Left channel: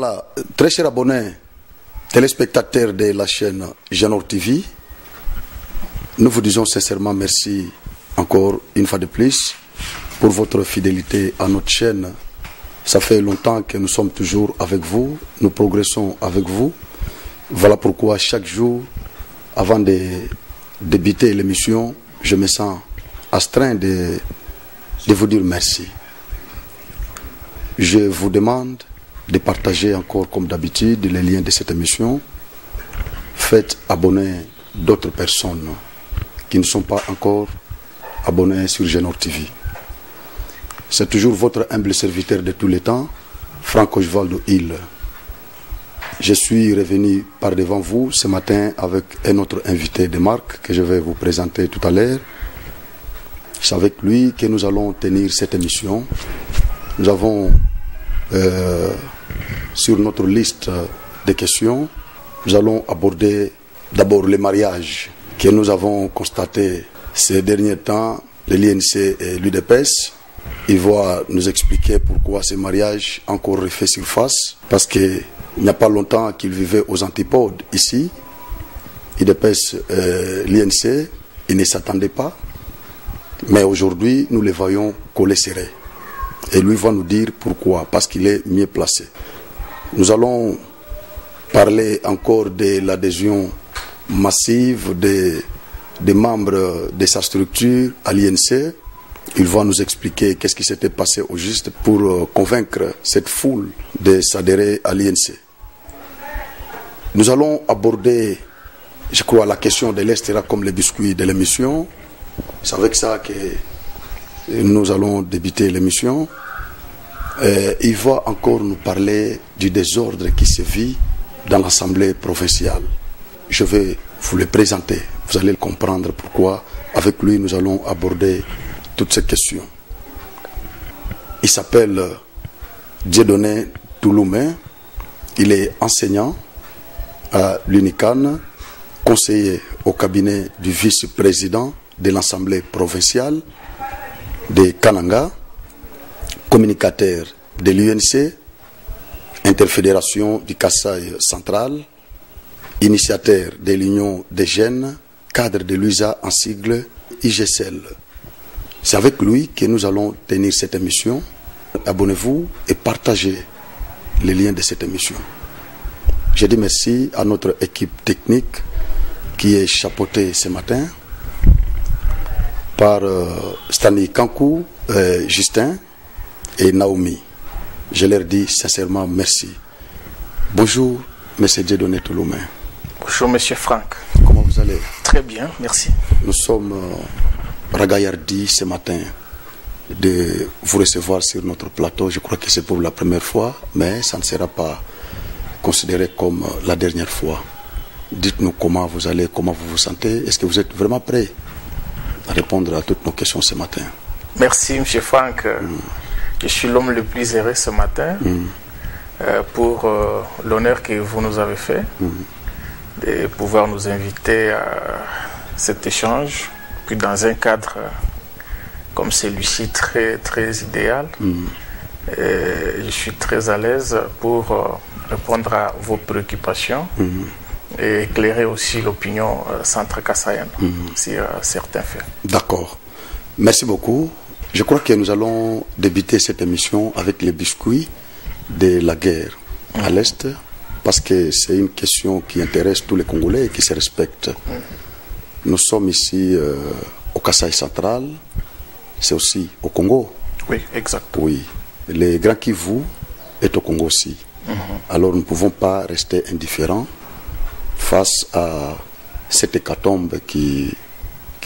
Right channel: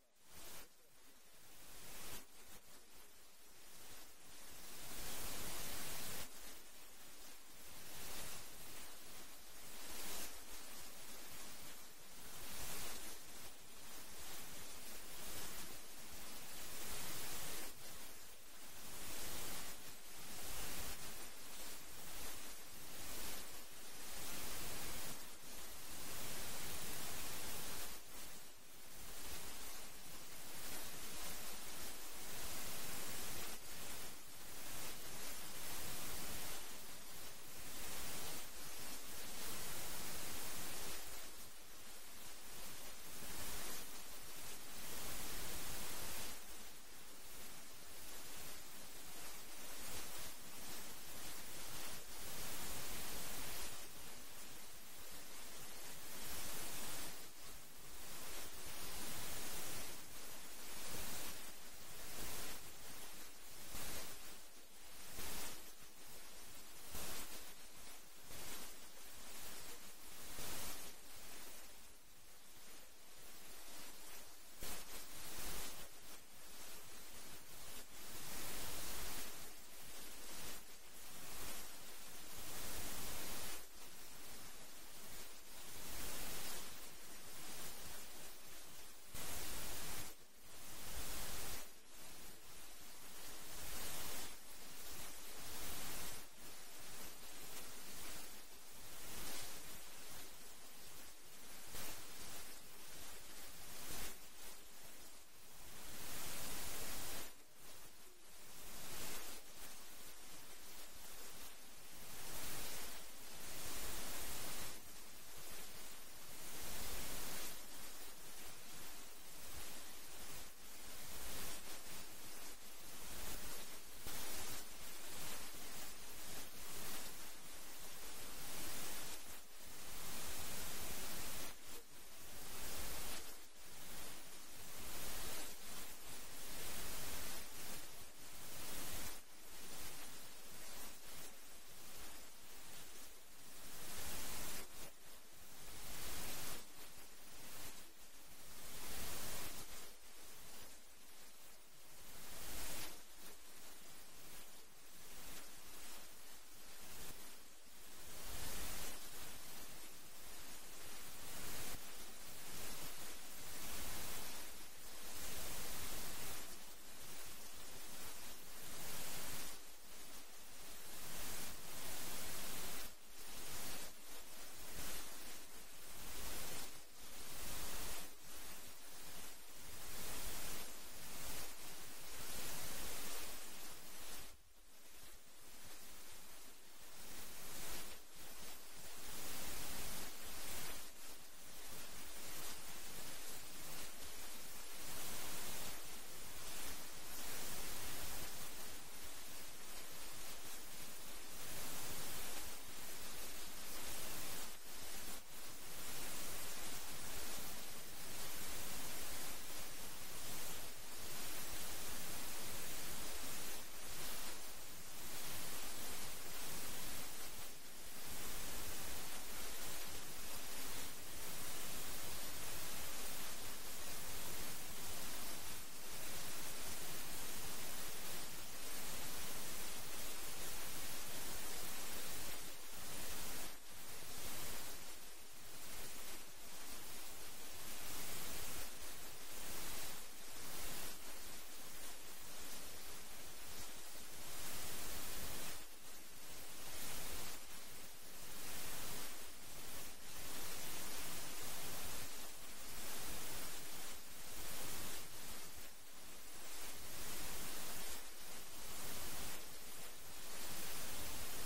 Voilà, très chers abonnés, téléspectateurs de la chaîne Genor TV, nous vous disons sincèrement merci encore une fois de plus pour votre fidélité à notre chaîne. Ça fait longtemps que nous sommes toujours avec vous, nous progressons avec vous. Voilà pourquoi chaque jour, avant de débuter l'émission, je me sens astreint de vous dire merci. Je vous demande de partager encore comme d'habitude les liens de cette émission. Faites abonner d'autres personnes qui ne sont pas encore abonnés sur Genor TV. C'est toujours votre humble serviteur de tous les temps, Franck Osvaldo Hill. Je suis revenu par devant vous ce matin avec un autre invité de marque que je vais vous présenter tout à l'heure. C'est avec lui que nous allons tenir cette émission. Nous avons sur notre liste de questions, nous allons aborder d'abord les mariages que nous avons constatés ces derniers temps, l'INC et l'UDPS. Il va nous expliquer pourquoi ces mariages ont encore refait surface, parce qu'il n'y a pas longtemps qu'ils vivaient aux antipodes ici. l'UDPS, l'INC, ils ne s'attendaient pas, mais aujourd'hui nous les voyons coller serrés. Et lui va nous dire pourquoi, parce qu'il est mieux placé. Nous allons parler encore de l'adhésion massive des membres de sa structure à l'INC. Il va nous expliquer qu'est-ce qui s'était passé au juste pour convaincre cette foule de s'adhérer à l'INC. Nous allons aborder, je crois, la question de l'Est sera comme les biscuits de l'émission. C'est avec ça que nous allons débuter l'émission. Il va encore nous parler du désordre qui se vit dans l'Assemblée provinciale. Je vais vous le présenter. Vous allez comprendre pourquoi. Avec lui, nous allons aborder toutes ces questions. Il s'appelle Dieudonné Touloumé. Il est enseignant à l'UNICAN, conseiller au cabinet du vice-président de l'Assemblée provinciale de Kananga, communicateur de l'UNC, interfédération du Kasaï central, initiateur de l'Union des jeunes, cadre de l'USA en sigle IGCL. C'est avec lui que nous allons tenir cette émission. Abonnez-vous et partagez les liens de cette émission. Je dis merci à notre équipe technique qui est chapeautée ce matin par Stani Kankou, Justin et Naomi. Je leur dis sincèrement merci. Bonjour, M. Dieudonné Touloumé. Bonjour, M. Franck. Comment vous allez? Très bien, merci. Nous sommes ragaillardis ce matin de vous recevoir sur notre plateau. Je crois que c'est pour la première fois, mais ça ne sera pas considéré comme la dernière fois. Dites-nous comment vous allez, comment vous vous sentez. Est-ce que vous êtes vraiment prêt à répondre à toutes nos questions ce matin? Merci, M. Franck. Je suis l'homme le plus heureux ce matin pour l'honneur que vous nous avez fait de pouvoir nous inviter à cet échange, puis dans un cadre comme celui-ci très idéal. Je suis très à l'aise pour répondre à vos préoccupations et éclairer aussi l'opinion centre-kassaïenne sur certains faits. D'accord. Merci beaucoup. Je crois que nous allons débuter cette émission avec les biscuits de la guerre à l'Est, parce que c'est une question qui intéresse tous les Congolais et qui se respectent. Nous sommes ici au Kasaï central, c'est aussi au Congo. Oui, exact. Oui, le Grand Kivu est au Congo aussi. Alors nous ne pouvons pas rester indifférents face à cette hécatombe qui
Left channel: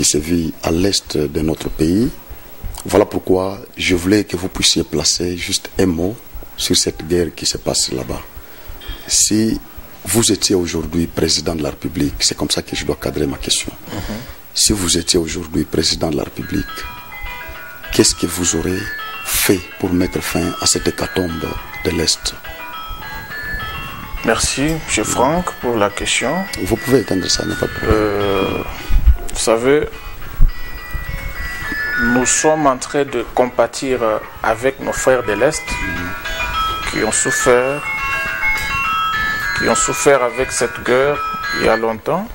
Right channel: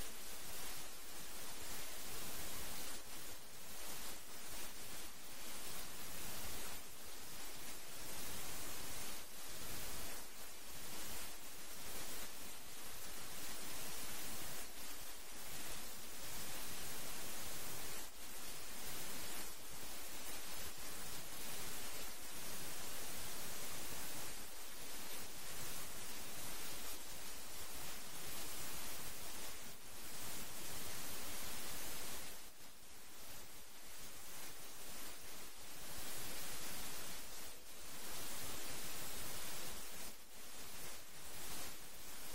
se vit à l'Est de notre pays. Voilà pourquoi je voulais que vous puissiez placer juste un mot sur cette guerre qui se passe là-bas. Si vous étiez aujourd'hui président de la République, c'est comme ça que je dois cadrer ma question. Si vous étiez aujourd'hui président de la République, qu'est-ce que vous aurez fait pour mettre fin à cette hécatombe de l'Est? Merci, M. Franck, pour la question. Vous pouvez éteindre ça, n'est pas de problème. Vous savez, nous sommes en train de compatir avec nos frères de l'Est qui ont souffert qui ont souffert avec cette guerre il y a longtemps.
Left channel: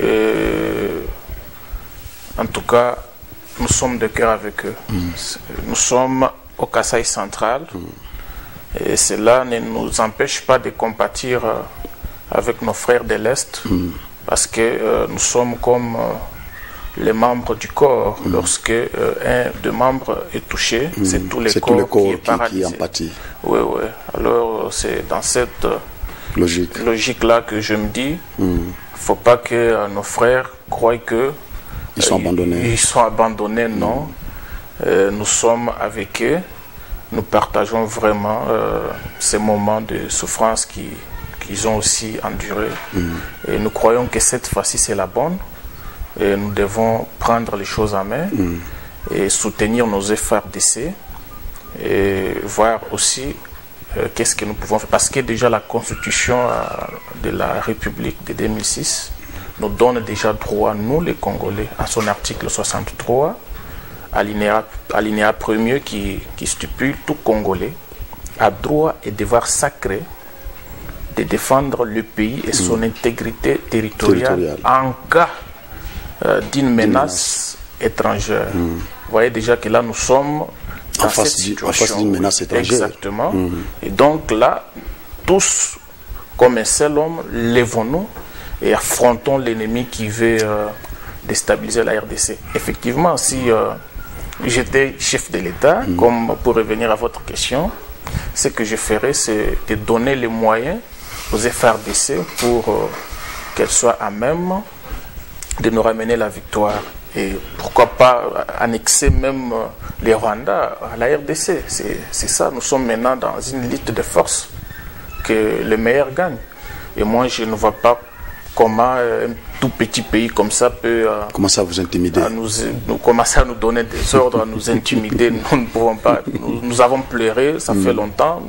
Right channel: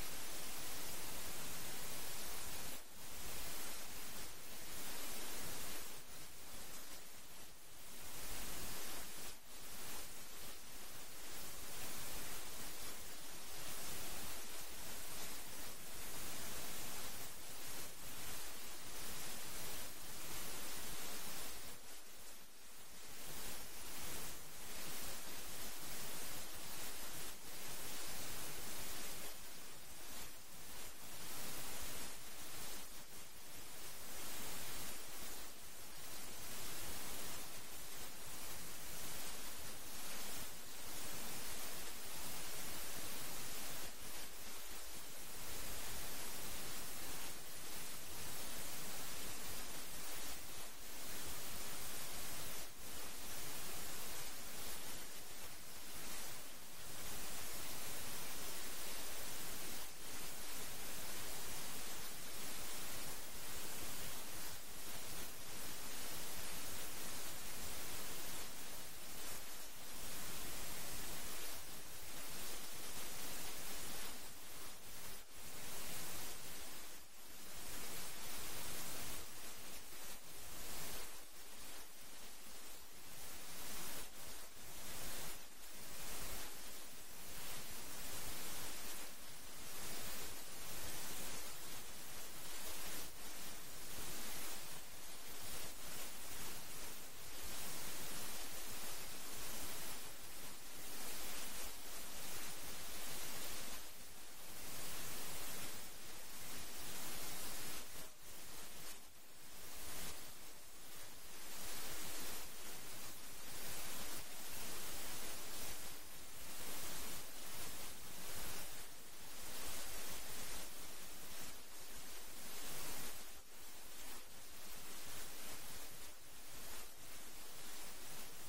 Et en tout cas, nous sommes de cœur avec eux. Nous sommes au Kasaï central. Et cela ne nous empêche pas de compatir avec nos frères de l'Est. Parce que nous sommes comme les membres du corps. Lorsque un des membres est touché, c'est tout le corps qui empathie. Oui, oui. Alors c'est dans cette logique-là que je me dis, il ne faut pas que nos frères croient que ils sont abandonnés. Ils sont abandonnés, non. Nous sommes avec eux. Nous partageons vraiment ces moments de souffrance qu'ils ont aussi endurés. Et nous croyons que cette fois-ci, c'est la bonne. Et nous devons prendre les choses en main et soutenir nos FARDC et voir aussi qu'est-ce que nous pouvons faire. Parce que déjà la Constitution de la République de 2006 nous donne déjà droit, nous les Congolais, à son article 63, alinéa premier qui stipule tout Congolais a droit et devoir sacré de défendre le pays et son intégrité territoriale en cas d'une menace étrangère. Vous voyez déjà que là nous sommes en face d'une menace étrangère. Exactement. Et donc là, tous, comme un seul homme, lèvons-nous et affrontons l'ennemi qui veut déstabiliser la RDC. Effectivement, si j'étais chef de l'État, comme pour revenir à votre question, ce que je ferais, c'est de donner les moyens aux FARDC pour qu'elles soient à même de nous ramener la victoire. Et pourquoi pas annexer même les Rwandais à la RDC. C'est ça, nous sommes maintenant dans une lutte de force que le meilleur gagne. Et moi, je ne vois pas comment un tout petit pays comme ça peut commencer à vous intimider, commencer à nous donner des ordres, à nous intimider. Nous ne pouvons pas. Nous avons pleuré, ça fait longtemps.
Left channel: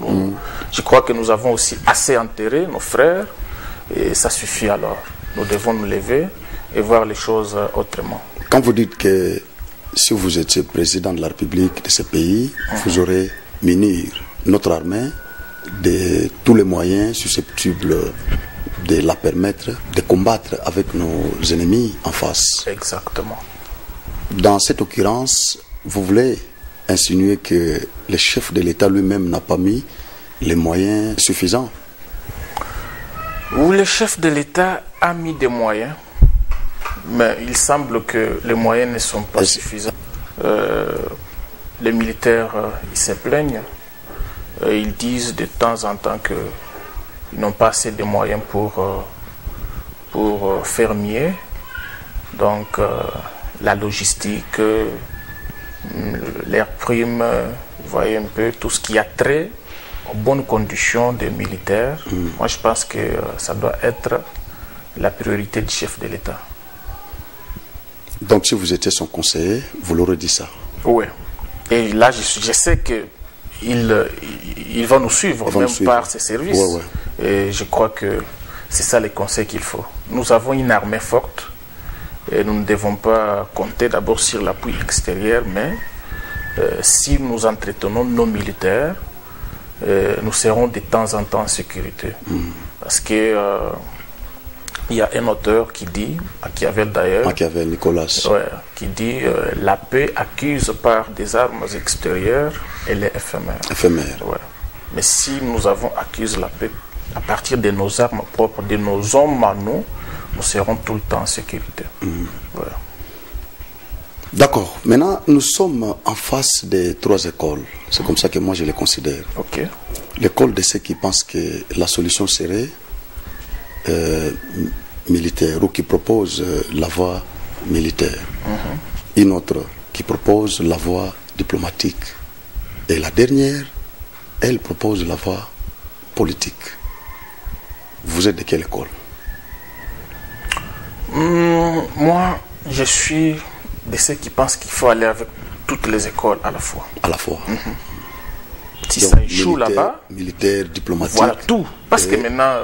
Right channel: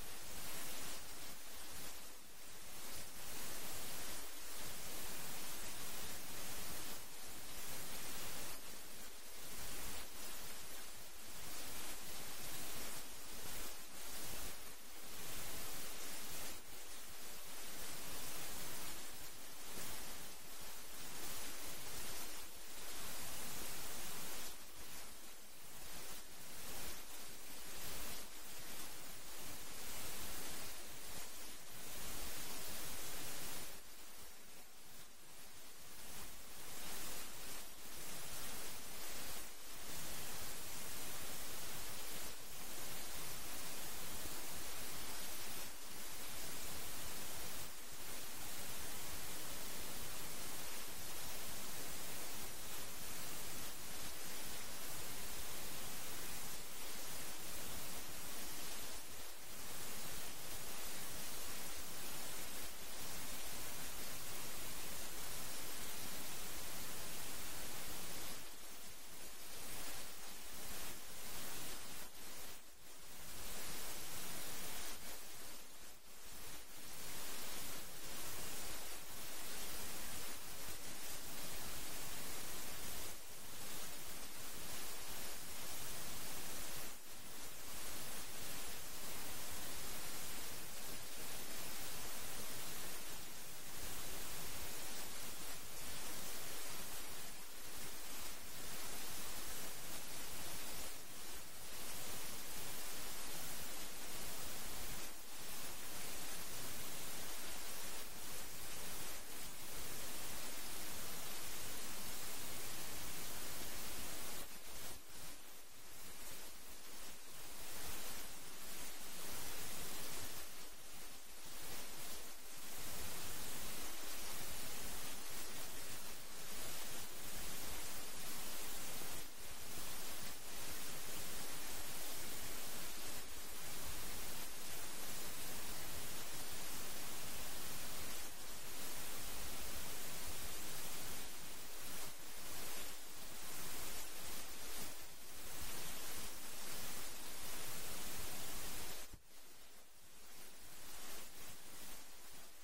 Je crois que nous avons aussi assez enterré nos frères et ça suffit alors. Nous devons nous lever et voir les choses autrement. Quand vous dites que si vous étiez président de la République de ce pays, vous aurez munir notre armée de tous les moyens susceptibles de la permettre de combattre avec nos ennemis en face. Exactement. Dans cette occurrence, vous voulez insinuer que le chef de l'État lui-même n'a pas mis les moyens suffisants? Oui, le chef de l'État a mis des moyens, mais il semble que les moyens ne sont pas suffisants. Les militaires, ils se plaignent. Ils disent de temps en temps qu'ils n'ont pas assez de moyens pour faire mieux. Donc, la logistique, l'air prime, vous voyez un peu tout ce qui a trait aux bonnes conditions des militaires. Moi, je pense que ça doit être la priorité du chef de l'État. Donc, si vous étiez son conseiller, vous l'aurez dit ça? Oui. Et là, je sais qu'il va nous suivre, par ses services. Ouais. Et je crois que c'est ça les conseils qu'il faut. Nous avons une armée forte et nous ne devons pas compter d'abord sur l'appui extérieur, mais si nous entretenons nos militaires, nous serons de temps en temps en sécurité. Parce que il y a un auteur qui dit, Machiavel d'ailleurs, Machiavel, Nicolas, qui dit la paix acquise par des armes extérieures, elle est éphémère. Mais si nous avons acquis la paix à partir de nos armes propres, de nos hommes à nous, nous serons tout le temps en sécurité. D'accord. Maintenant, nous sommes en face des trois écoles. C'est comme ça que moi je les considère. L'école de ceux qui pensent que la solution serait militaire ou qui propose la voie militaire. Une autre qui propose la voie diplomatique. Et la dernière, elle propose la voie politique. Vous êtes de quelle école? Moi, je suis de ceux qui pensent qu'il faut aller avec toutes les écoles à la fois. À la fois. Si ça échoue là-bas, militaire, diplomatique, voilà tout. Parce que maintenant,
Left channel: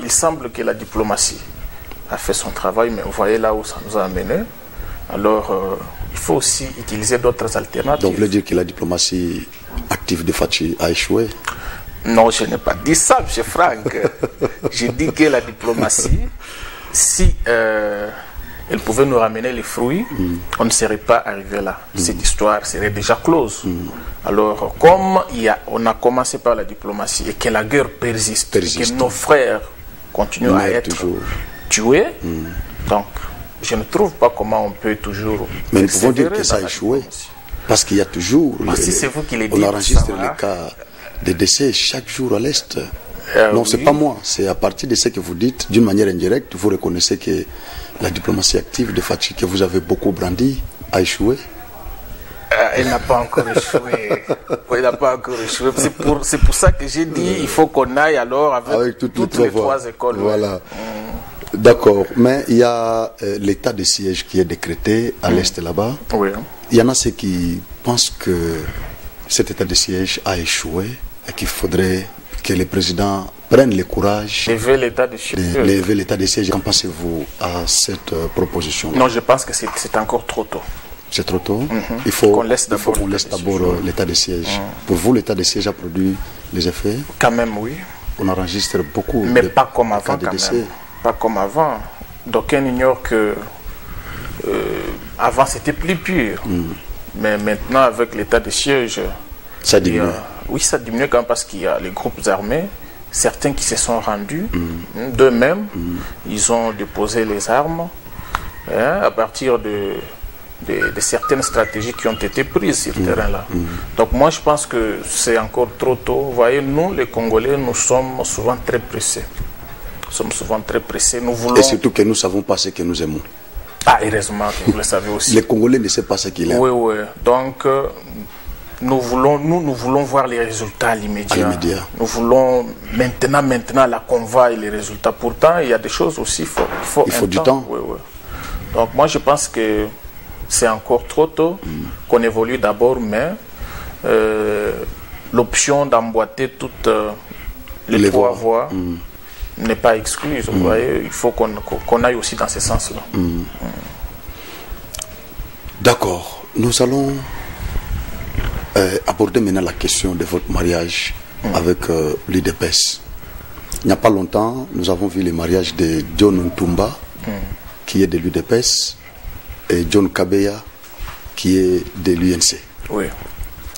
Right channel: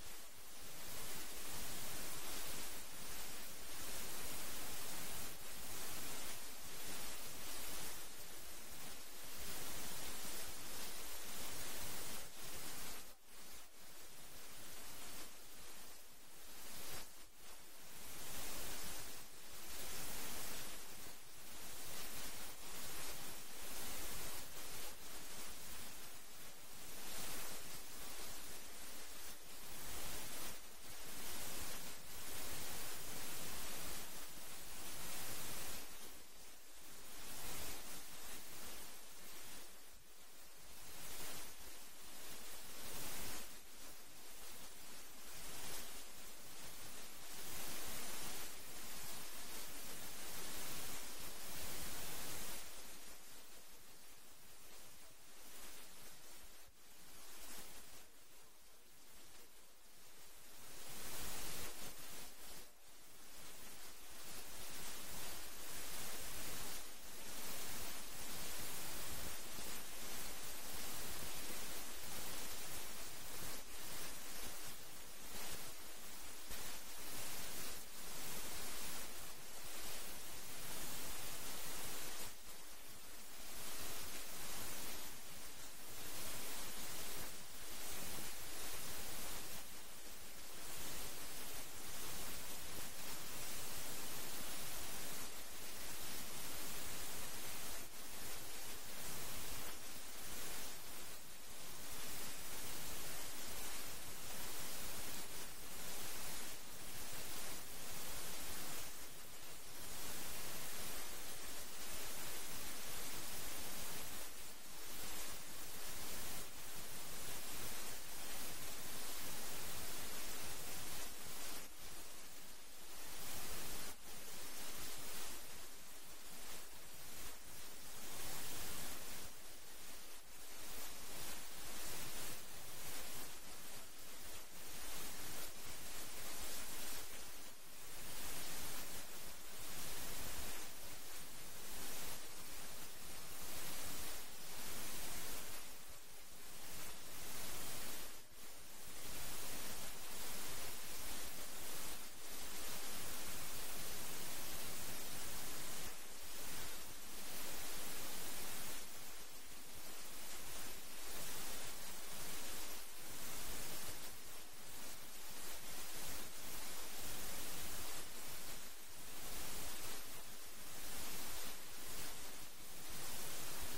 il semble que la diplomatie a fait son travail, mais vous voyez là où ça nous a amené. Alors, il faut aussi utiliser d'autres alternatives. Donc, vous voulez dire que la diplomatie active de Fachi a échoué? Non, je n'ai pas dit ça, M. Franck. J'ai dit que la diplomatie, si elle pouvait nous ramener les fruits, on ne serait pas arrivé là. Cette histoire serait déjà close. Alors, comme on a commencé par la diplomatie et que la guerre persiste. Que nos frères continuent à être tués, donc je ne trouve pas comment on peut toujours... Mais nous pouvons dire que ça a échoué. Parce qu'il y a toujours... si c'est vous qui le dites, on enregistre les cas de décès chaque jour à l'Est. Non, c'est pas moi. C'est à partir de ce que vous dites, d'une manière indirecte, vous reconnaissez que la diplomatie active de Fathi, que vous avez beaucoup brandi, a échoué. Elle n'a pas encore échoué. Elle n'a pas encore échoué. C'est pour ça que j'ai dit il faut qu'on aille alors avec toutes les trois écoles. Voilà. D'accord. Mais il y a l'état de siège qui est décrété à l'Est là-bas. Oui. Il y en a ceux qui pensent que cet état de siège a échoué et qu'il faudrait que le président prenne le courage lever l'état de siège. Lever l'état de siège. Qu'en pensez-vous à cette proposition? Non, je pense que c'est encore trop tôt. C'est trop tôt. Il faut qu'on laisse d'abord l'état de siège. Pour vous, l'état de siège a produit les effets? Quand même, oui. On enregistre beaucoup mais pas comme avant, quand même. Pas comme avant. D'aucuns ignorent que avant c'était plus pur. Mais maintenant, avec l'état de siège, ça diminue. Oui, ça diminue quand même parce qu'il y a les groupes armés, certains qui se sont rendus d'eux-mêmes, ils ont déposé les armes à partir de certaines stratégies qui ont été prises sur ce terrain-là. Donc moi, je pense que c'est encore trop tôt. Vous voyez, nous, les Congolais, nous sommes souvent très pressés. Nous sommes souvent très pressés. Nous voulons... Et surtout que nous ne savons pas ce que nous aimons. Ah, heureusement que vous le savez aussi. Les Congolais ne savent pas ce qu'ils aiment. Oui, oui. Donc, nous voulons voir les résultats à l'immédiat. Nous voulons maintenant la convoi et les résultats. Pourtant, il y a des choses aussi, il faut du temps. Oui, oui. Donc moi, je pense que c'est encore trop tôt qu'on évolue d'abord, mais l'option d'emboîter toutes les trois voies n'est pas exclue. Vous voyez, il faut qu'on aille aussi dans ce sens-là. D'accord. Nous allons aborder maintenant la question de votre mariage avec l'UDPS. Il n'y a pas longtemps, nous avons vu le mariage de John Ntumba, qui est de l'UDPS, et John Kabeya, qui est de l'UNC. Oui.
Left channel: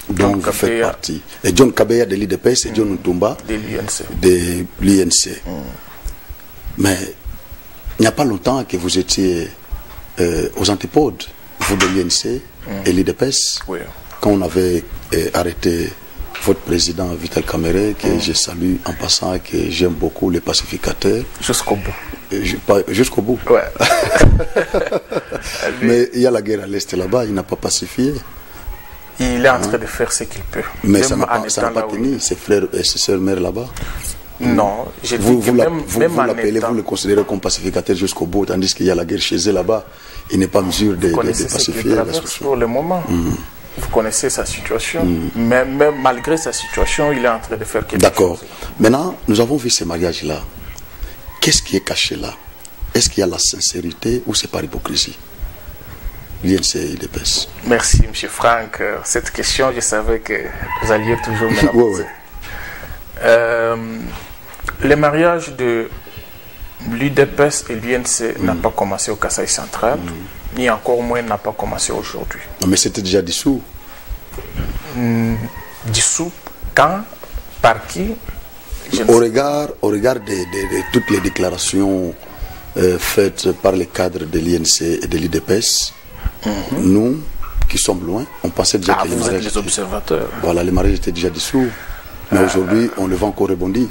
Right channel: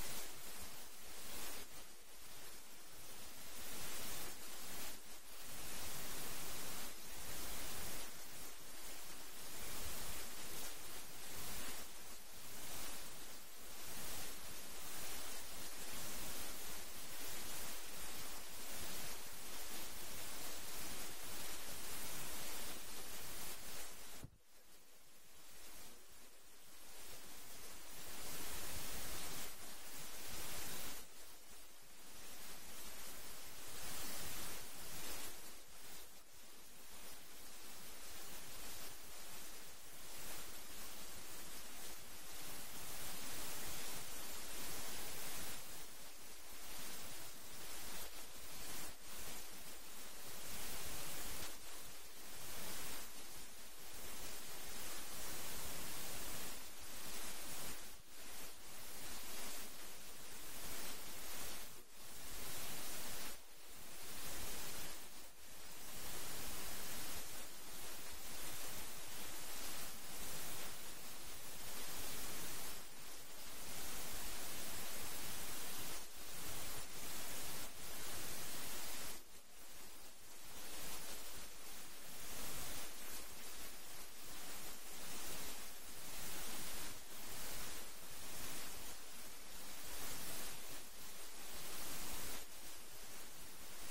Donc vous faites partie. Et John Kabeya de l'UDPS et John Ntumba de l'UNC. Mais il n'y a pas longtemps que vous étiez aux antipodes, vous de l'UNC et l'UDPS, quand on avait arrêté votre président Vital Kamerhe, que je salue en passant, que j'aime beaucoup, le pacificateur. Jusqu'au bout. Jusqu'au bout. Ouais. Mais il y a la guerre à l'Est là-bas, il n'a pas pacifié. Il est en train de faire ce qu'il peut. Mais ça n'a pas tenu, ses frères et ses sœurs mères là-bas. Non, j'ai dit vous que vous l'appelez, vous le considérez comme pacificateur jusqu'au bout, tandis qu'il y a la guerre chez eux là-bas. Il n'est pas en mesure de pacifier la situation. Pour le moment. Vous connaissez sa situation, mais même malgré sa situation, il est en train de faire quelque chose. D'accord. Maintenant, nous avons vu ces mariages-là. Qu'est-ce qui est caché là? Est-ce qu'il y a la sincérité ou c'est par hypocrisie? L'INC et l'UDPS. Merci, M. Franck. Cette question, je savais que vous alliez toujours me la poser. Le mariage de l'UDPS et l'UNC n'a pas commencé au Kasaï central, ni encore moins n'a pas commencé aujourd'hui. Mais c'était déjà dissous. Dissous quand? Par qui? Au regard de toutes les déclarations faites par les cadres de l'INC et de l'UDPS, nous qui sommes loin, on pensait déjà que vous êtes les observateurs. Voilà, les mariages étaient déjà dissous. Mais aujourd'hui, on le voit encore rebondir.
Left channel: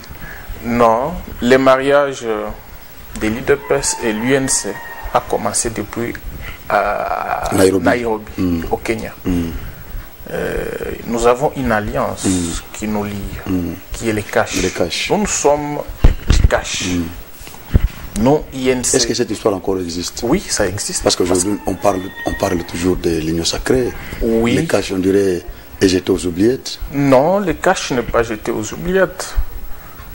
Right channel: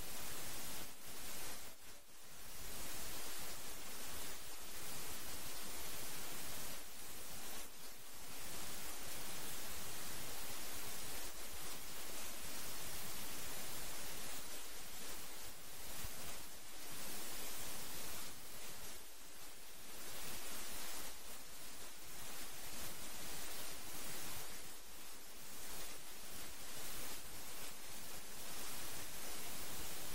Non, les mariages de l'UDPS et l'UNC a commencé depuis Nairobi, au Kenya. Nous avons une alliance qui nous lie, qui est les CACH. Nous sommes les CACH. Non, INC. Est-ce que cette histoire encore existe? Oui, ça existe. Parce qu'aujourd'hui, on parle toujours de l'Union sacrée. Oui. Les CACH, on dirait, est jeté aux oubliettes. Non, le CACH n'est pas jeté aux oubliettes.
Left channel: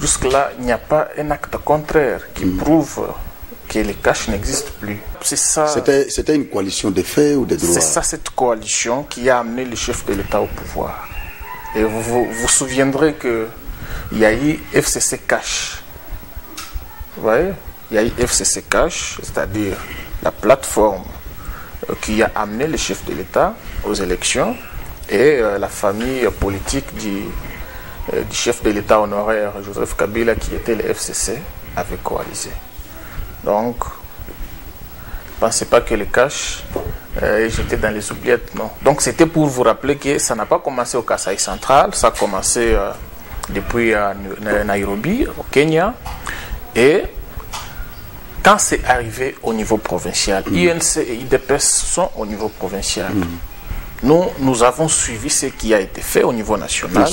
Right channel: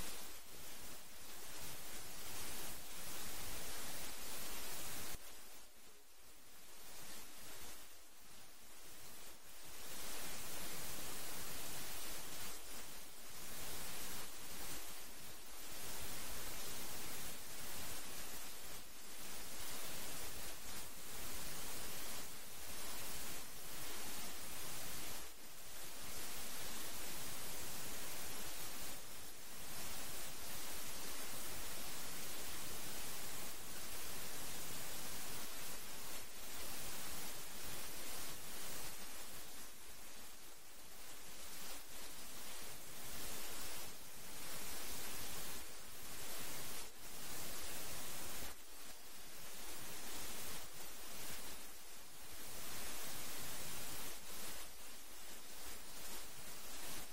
Jusque-là, il n'y a pas un acte contraire qui prouve que les CACH n'existent plus. C'est ça. C'était une coalition de faits ou de droits? C'est ça, cette coalition qui a amené le chef de l'État au pouvoir. Et vous vous souviendrez que il y a eu FCC Cash. Vous voyez, il y a eu FCC Cash, c'est-à-dire la plateforme qui a amené le chef de l'État aux élections et la famille politique du chef de l'État honoraire Joseph Kabila, qui était le FCC, avait coalisé. Donc, ne pensez pas que le cash j'étais dans les oubliettes, non. Donc c'était pour vous rappeler que ça n'a pas commencé au Kasaï central, ça a commencé depuis Nairobi, au Kenya. Et quand c'est arrivé au niveau provincial, INC et IDPS sont au niveau provincial. Nous avons suivi ce qui a été fait au niveau national.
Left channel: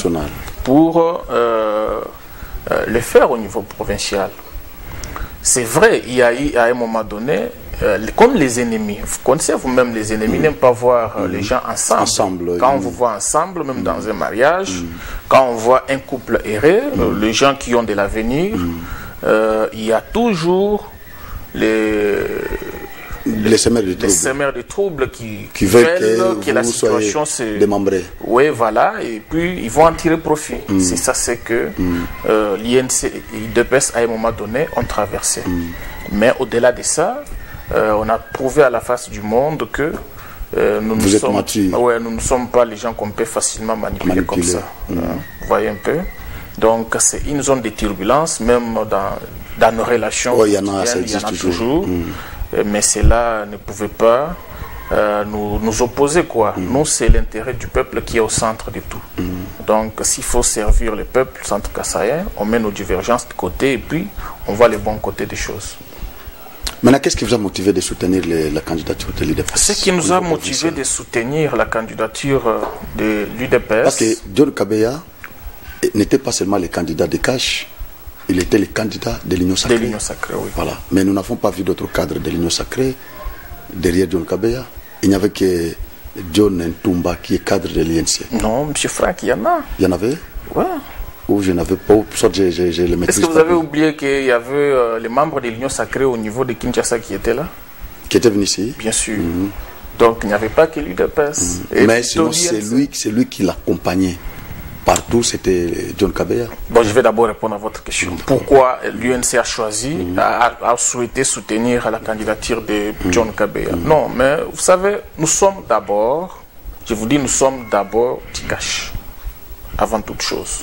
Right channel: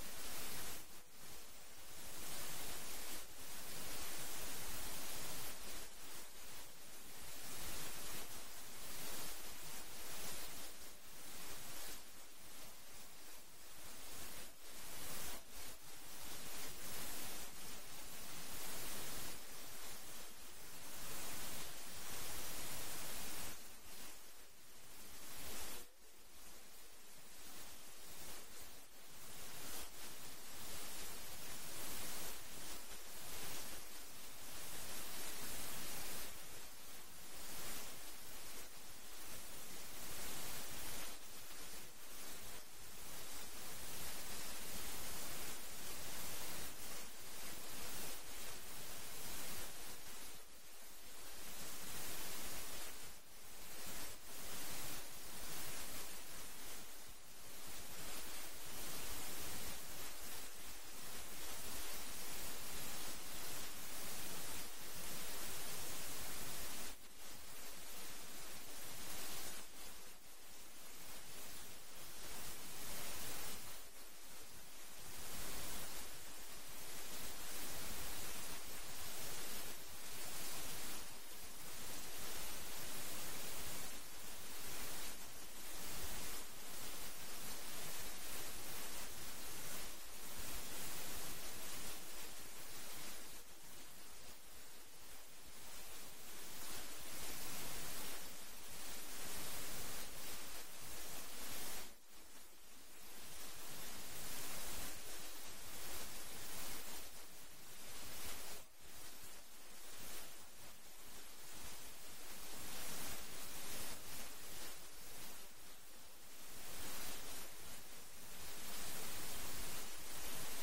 Pour le faire au niveau provincial. C'est vrai, il y a eu à un moment donné, comme les ennemis, vous connaissez vous-même les ennemis, n'aiment pas voir les gens ensemble. Quand on vous voit ensemble, même dans un mariage, quand on voit un couple errer, les gens qui ont de l'avenir, il y a toujours les semeurs de troubles qui veulent que la situation se démembrée. Oui, voilà, et puis ils vont en tirer profit. C'est ça, c'est que l'INC et l'IDPS à un moment donné ont traversé. Mais au-delà de ça, on a prouvé à la face du monde que nous ne sommes pas les gens qu'on peut facilement manipuler comme ça. Vous voyez un peu. Donc c'est une zone de turbulence, même dans nos relations. Il y en a toujours. Mais cela ne pouvait pas nous opposer, quoi. Nous, c'est l'intérêt du peuple qui est au centre de tout. Donc, s'il faut servir le peuple centre-kassaïen, on met nos divergences de côté et puis on voit les bons côtés des choses. Maintenant, qu'est-ce qui vous a motivé de soutenir la candidature de l'UDPS? Ce qui nous a motivé de soutenir la candidature de l'UDPS... Parce que John Kabeya n'était pas seulement le candidat de Cash, il était le candidat de l'Union Sacrée. De l'Union Sacrée, oui. Voilà. Mais nous n'avons pas vu d'autres cadres de l'Union Sacrée derrière John Kabeya. Il n'y avait que John Ntumba qui est cadre de l'INC. Non, M. Franck, il y en a. Il y en avait? Oui. Ou je n'avais pas, soit je le maîtrise. Est-ce que vous avez oublié qu'il y avait les membres de l'Union Sacrée au niveau de Kinshasa qui étaient là? Qui étaient venus ici? Bien sûr. Donc il n'y avait pas que l'UDPS. Mais sinon, c'est lui qui l'accompagnait. Partout, c'était John Kabeya. Bon, je vais d'abord répondre à votre question. Pourquoi l'UNC a choisi, a souhaité soutenir la candidature de John Kabeya? Non, mais vous savez, nous sommes d'abord, je vous dis, nous sommes d'abord Tikash, avant toute chose.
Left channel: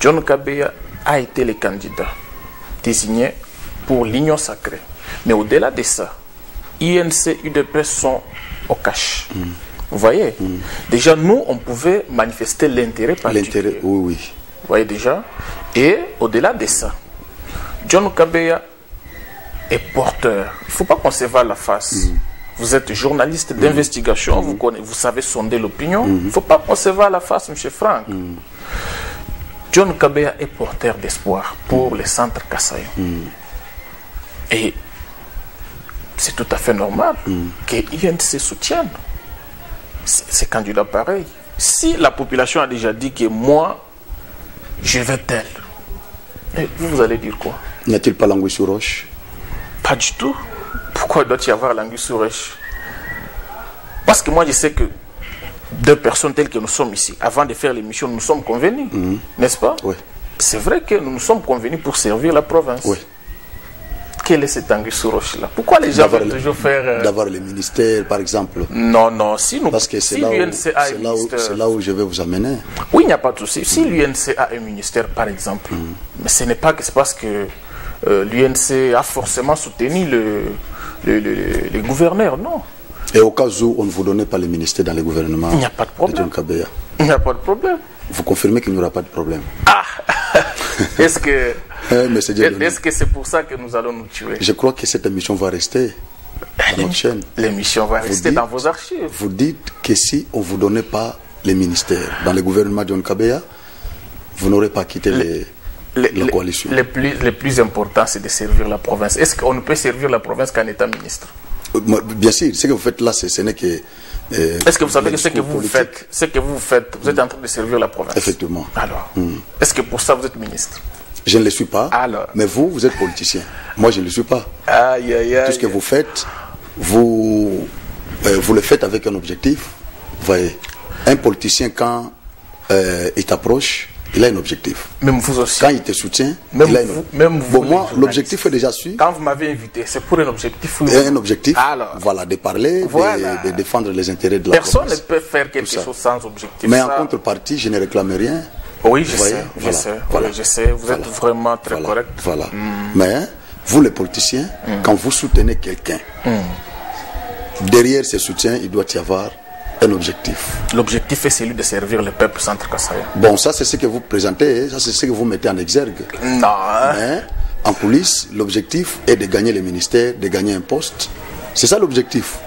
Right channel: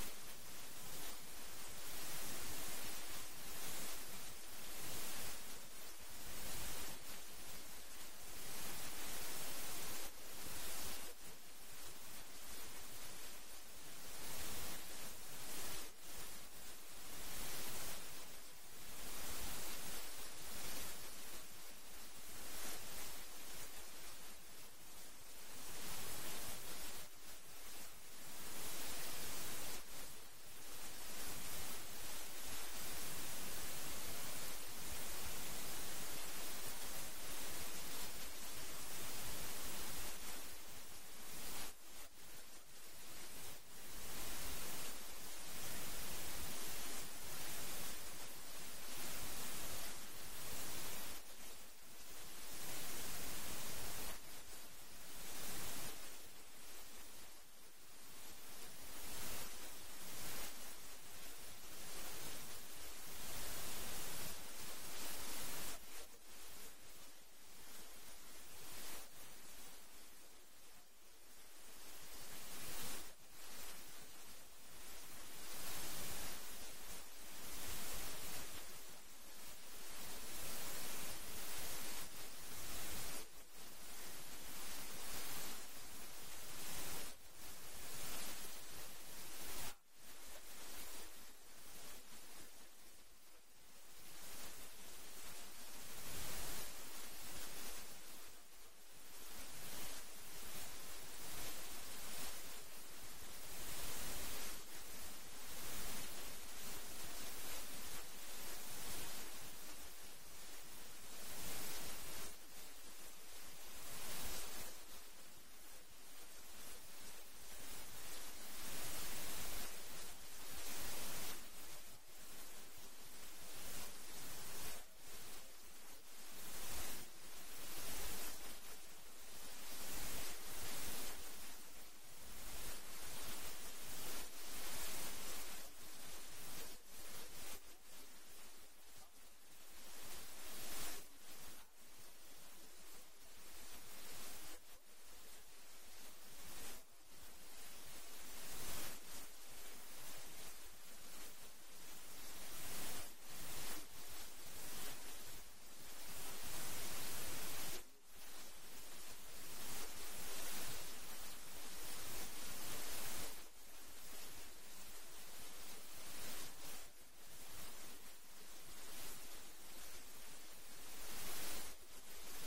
John Kabeya a été le candidat désigné pour l'Union Sacrée. Mais au-delà de ça, INC, UDPS sont au cash. Vous voyez, déjà nous, on pouvait manifester l'intérêt particulier. L'intérêt, oui. Vous voyez déjà. Et au-delà de ça, John Kabeya est porteur. Il ne faut pas qu'on se voie la face. Vous êtes journaliste d'investigation, vous savez sonder l'opinion. Il ne faut pas qu'on se voie la face, M. Franck. John Kabeya est porteur d'espoir pour les centres kassaïens. Et c'est tout à fait normal que l'INC soutienne ces candidats pareils. Si la population a déjà dit que moi, je vais tel, vous allez dire quoi? N'y a-t-il pas l'anguille sur roche? Pas du tout. Pourquoi doit-il y avoir l'anguille sur roche? Parce que moi, je sais que deux personnes telles que nous sommes ici, avant de faire l'émission, nous sommes convenus, n'est-ce pas? Oui. C'est vrai que nous nous sommes convenus pour servir la province. Oui. Quelle est cette anguille sur roche-là? Pourquoi les gens veulent toujours faire... D'avoir les ministères, par exemple. Non, non, si nous... Parce que c'est là où je vais vous amener. Oui, il n'y a pas de souci. Si l'UNC a un ministère, par exemple, mais ce n'est pas que c'est parce que l'UNC a forcément soutenu le gouverneur, non. Et au cas où on ne vous donnait pas le ministère dans le gouvernement, il n'y a pas de problème. De John Kabeya, il n'y a pas de problème. Vous confirmez qu'il n'y aura pas de problème? Ah est-ce que c'est pour ça que nous allons nous tuer? Je crois que cette émission va rester dans notre chaîne. L'émission va rester dans vos archives. Vous dites que si on ne vous donnait pas les ministères dans le gouvernement de John Kabeya, vous n'aurez pas quitté la coalition. Le plus important, c'est de servir la province. Est-ce qu'on ne peut servir la province qu'en étant ministre? Bien sûr, ce que vous faites là, ce n'est que... Est-ce que vous savez que ce que vous faites, vous êtes en train de servir la province? Effectivement. Alors, est-ce que pour ça vous êtes ministre? Je ne le suis pas. Alors. Mais vous êtes politicien. Moi, je ne le suis pas. Aïe, aïe, aïe. Tout ce que vous faites, vous le faites avec un objectif. Vous voyez, un politicien, quand il t'approche, il a un objectif. Même vous aussi. Quand il te soutient, même il a un vous, objectif. même vous, bon, moi, l'objectif est déjà su. Quand vous m'avez invité, c'est pour un objectif. Un objectif, alors, voilà, de parler, voilà. de défendre les intérêts de la Personne province. ne peut faire quelque chose sans objectif. Mais en contrepartie, je ne réclame rien. Oui, je sais. Voilà. Oui, je sais. Vous êtes vraiment très correct. Voilà. Mais vous, les politiciens, quand vous soutenez quelqu'un, derrière ce soutien, il doit y avoir un objectif. L'objectif est celui de servir le peuple centre-kassaïen. Bon, ça c'est ce que vous présentez, ça c'est ce que vous mettez en exergue. Non. Mais en coulisses, l'objectif est de gagner le ministère, de gagner un poste. C'est ça l'objectif.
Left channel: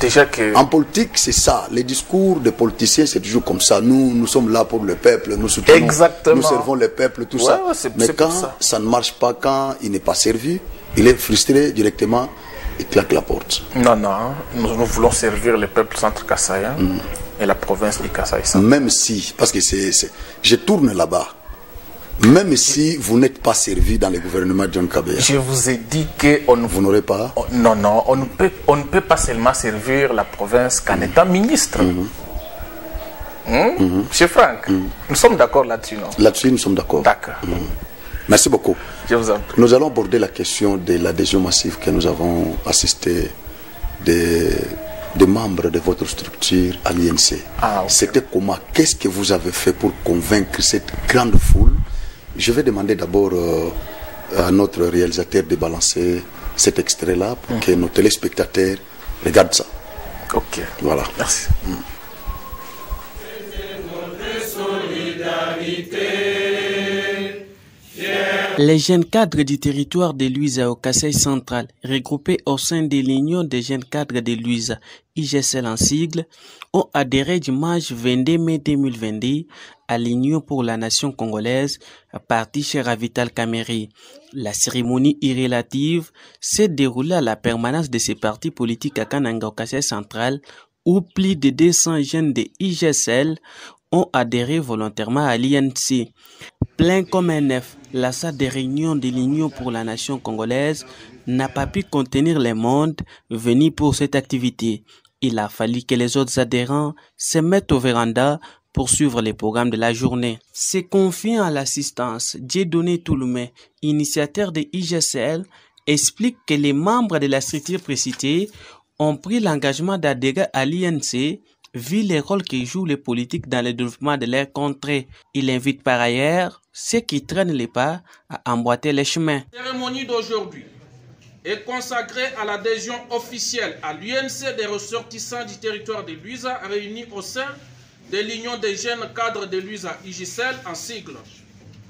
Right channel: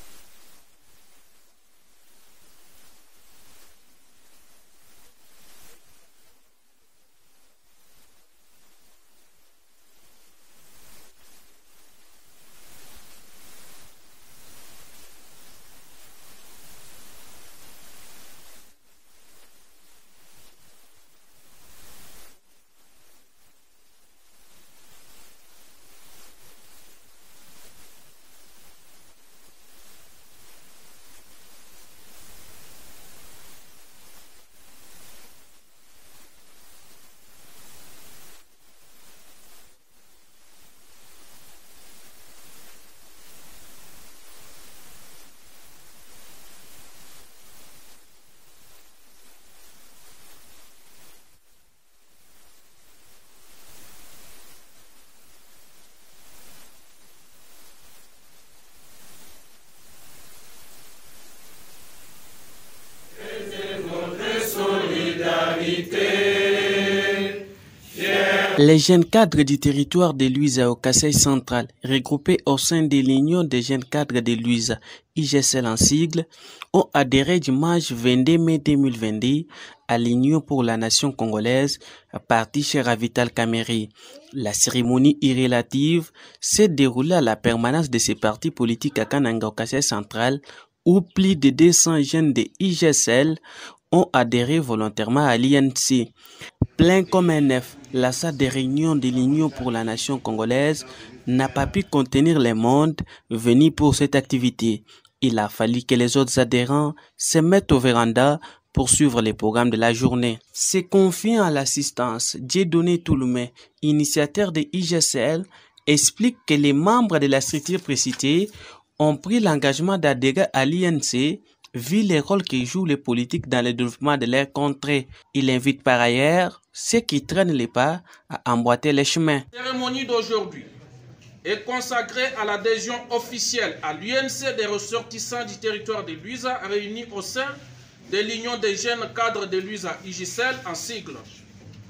Déjà que... En politique, c'est ça. Les discours des politiciens, c'est toujours comme ça. Nous sommes là pour le peuple, nous soutenons, exactement. Nous servons le peuple, tout ça. Mais quand ça ne marche pas, quand il n'est pas servi, il est frustré directement. Il claque la porte. Non, nous voulons servir le peuple centre-kassaïen et la province du Kasaï. Même si, parce que je tourne là-bas, même si vous n'êtes pas servi dans le gouvernement de John Kabea. Je vous ai dit que vous n'aurez pas. Non, on ne peut pas seulement servir la province qu'en étant ministre. Monsieur Franck, nous sommes d'accord là-dessus, non? Là-dessus, nous sommes d'accord. D'accord. Merci beaucoup. Je vous en prie. Nous allons aborder la question de l'adhésion massive que nous avons assisté des membres de votre structure à l'INC. Ah, okay. C'était comment? Qu'est-ce que vous avez fait pour convaincre cette grande foule? Je vais demander d'abord à notre réalisateur de balancer cet extrait-là pour que nos téléspectateurs regardent ça. Ok. Voilà. Merci. Les jeunes cadres du territoire de Luiza au Kasaï central, regroupés au sein de l'Union des jeunes cadres de Luiza, IGSL en sigle, ont adhéré dimanche 22 mai 2022 à l'Union pour la nation congolaise, parti chez Ravital Kameri. La cérémonie irrélative s'est déroulée à la permanence de ces partis politiques à Kananga au Kasaï central, où plus de 200 jeunes de IGSL ont adhéré volontairement à l'INC. Plein comme un œuf, la salle de réunion de l'Union pour la nation congolaise n'a pas pu contenir les mondes venus pour cette activité. Il a fallu que les autres adhérents se mettent au véranda pour suivre les programmes de la journée. Se confiant à l'assistance, Dieudonné Touloumé, initiateur de IGSL, explique que les membres de la structure précitée ont pris l'engagement d'adhérer à l'INC vu les rôles que jouent les politiques dans le développement de leur contrée. Il invite par ailleurs ceux qui traînent les pas à emboîter les chemins. La cérémonie d'aujourd'hui est consacrée à l'adhésion officielle à l'UNC des ressortissants du territoire de Luiza réunis au sein de l'Union des jeunes cadres de Luiza IGSL en sigle,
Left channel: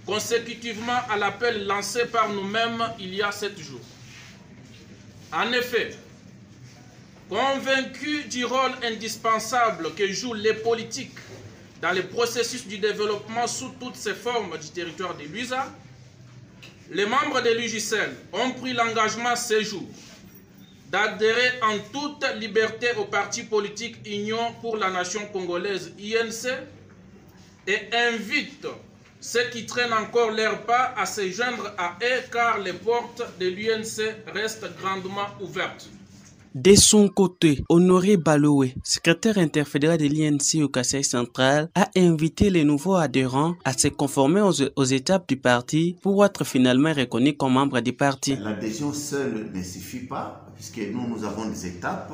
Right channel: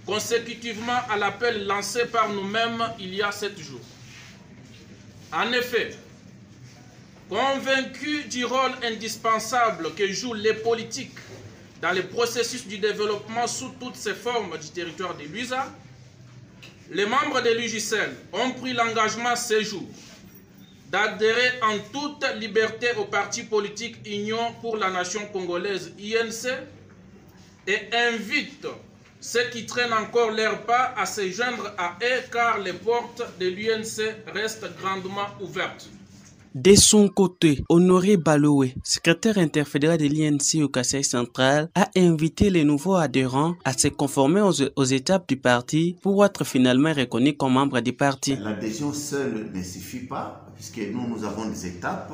consécutivement à l'appel lancé par nous-mêmes il y a 7 jours. En effet, convaincus du rôle indispensable que jouent les politiques dans le processus du développement sous toutes ses formes du territoire de Luiza, les membres de l'UJCL ont pris l'engagement ces jours d'adhérer en toute liberté au parti politique Union pour la nation congolaise INC et invitent ceux qui traînent encore leurs pas à se joindre à eux car les portes de l'UNC restent grandement ouvertes. De son côté, Honoré Baloué, secrétaire interfédéral de l'INC au Kasaï central, a invité les nouveaux adhérents à se conformer aux étapes du parti pour être finalement reconnus comme membres du parti. L'adhésion seule ne suffit pas, puisque nous avons des étapes.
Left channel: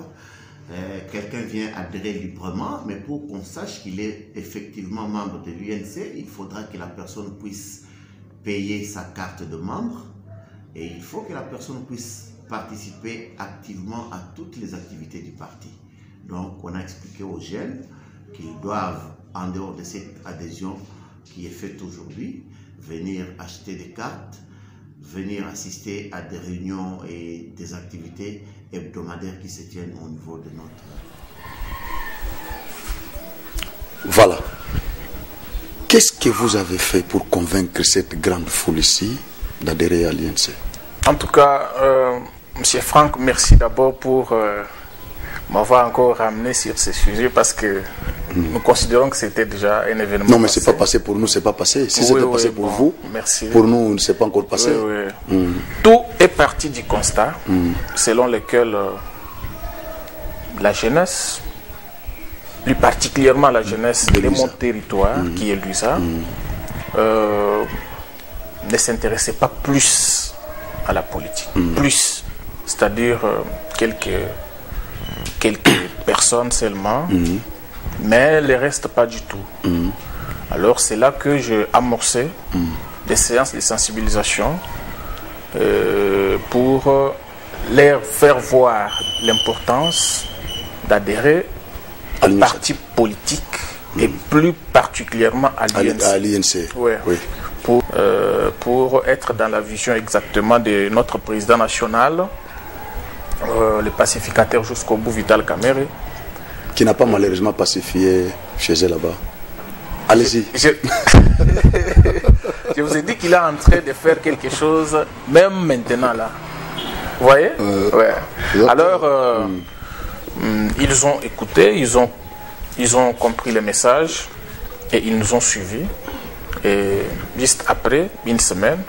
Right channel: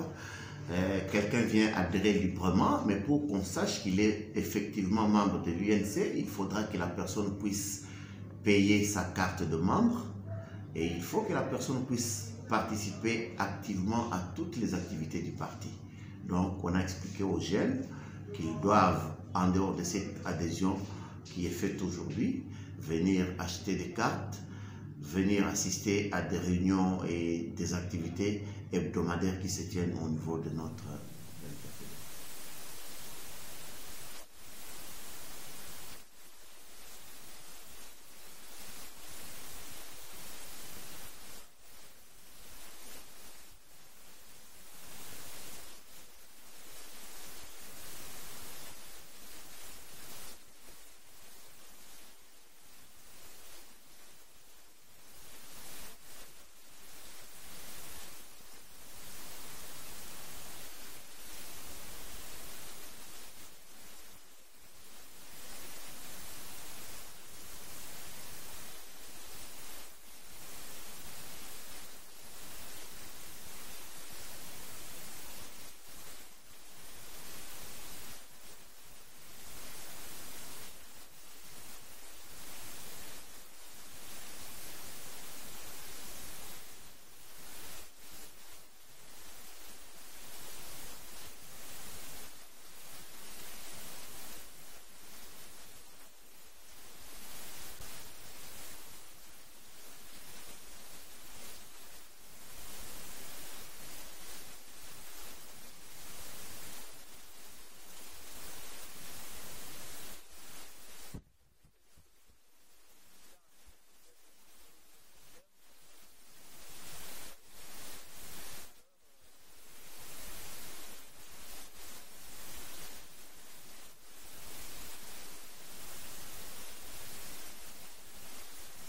Quelqu'un vient adhérer librement, mais pour qu'on sache qu'il est effectivement membre de l'UNC, il faudra que la personne puisse payer sa carte de membre et il faut que la personne puisse participer activement à toutes les activités du parti. Donc, on a expliqué aux jeunes qu'ils doivent, en dehors de cette adhésion qui est faite aujourd'hui, venir acheter des cartes, venir assister à des réunions et des activités hebdomadaires qui se tiennent au niveau de notre... Voilà. Qu'est-ce que vous avez fait pour convaincre cette grande foule ici d'adhérer à l'INC? En tout cas, Monsieur Franck, merci d'abord pour m'avoir encore ramené sur ce sujet parce que nous considérons que c'était déjà un événement. Non, mais c'est pas passé pour nous, c'est pas passé. Si c'était passé pour vous, merci. Pour nous, c'est pas encore passé. Tout est parti du constat selon lequel la jeunesse plus particulièrement la jeunesse de mon territoire, qui est Luisa, ne s'intéressait pas plus à la politique. Plus, c'est-à-dire quelques personnes seulement, mais le reste pas du tout. Alors c'est là que j'ai amorcé des séances de sensibilisation pour leur faire voir l'importance d'adhérer au parti politique et plus particulièrement à l'INC. Ouais. Oui. Pour être dans la vision exactement de notre président national, le pacificateur jusqu'au bout, Vital Kamerhe. Qui n'a pas malheureusement pacifié chez elle là-bas. Allez-y. Je vous ai dit qu'il est en train de faire quelque chose, même maintenant là. Vous voyez? Ouais. Alors, ils ont écouté, ils ont compris le message et ils nous ont suivis. Et juste après, une semaine,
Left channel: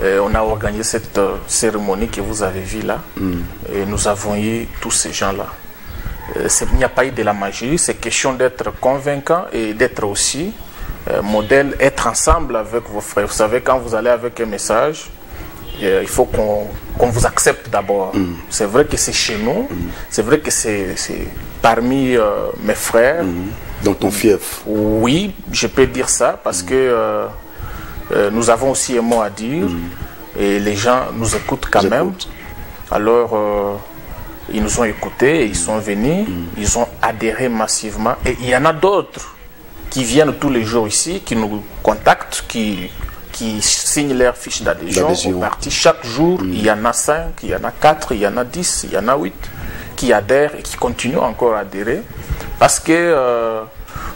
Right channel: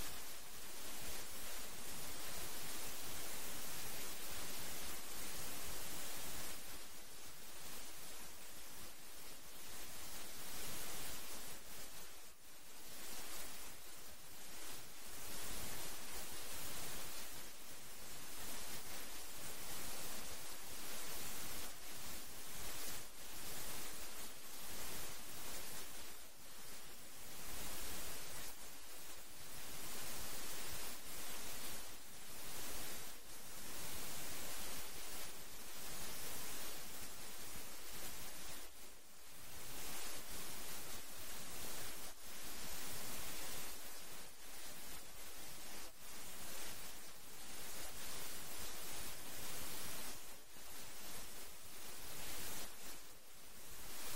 on a organisé cette cérémonie que vous avez vue là. Et nous avons eu tous ces gens-là. Il n'y a pas eu de la magie, c'est question d'être convaincant et d'être aussi modèle, être ensemble avec vos frères. Vous savez, quand vous allez avec un message, il faut qu'on vous accepte d'abord. C'est vrai que c'est chez nous, c'est vrai que c'est parmi mes frères. Dans ton fief. Oui, je peux dire ça parce que nous avons aussi un mot à dire et les gens nous écoutent quand même. Alors, ils nous ont écoutés, ils sont venus, ils ont adhéré massivement. Et il y en a d'autres qui viennent tous les jours ici, qui nous contactent, qui signent leur fiche d'adhésion au parti. Chaque jour, il y en a 5, il y en a 4, il y en a 10, il y en a 8 qui adhèrent et qui continuent encore à adhérer. Parce que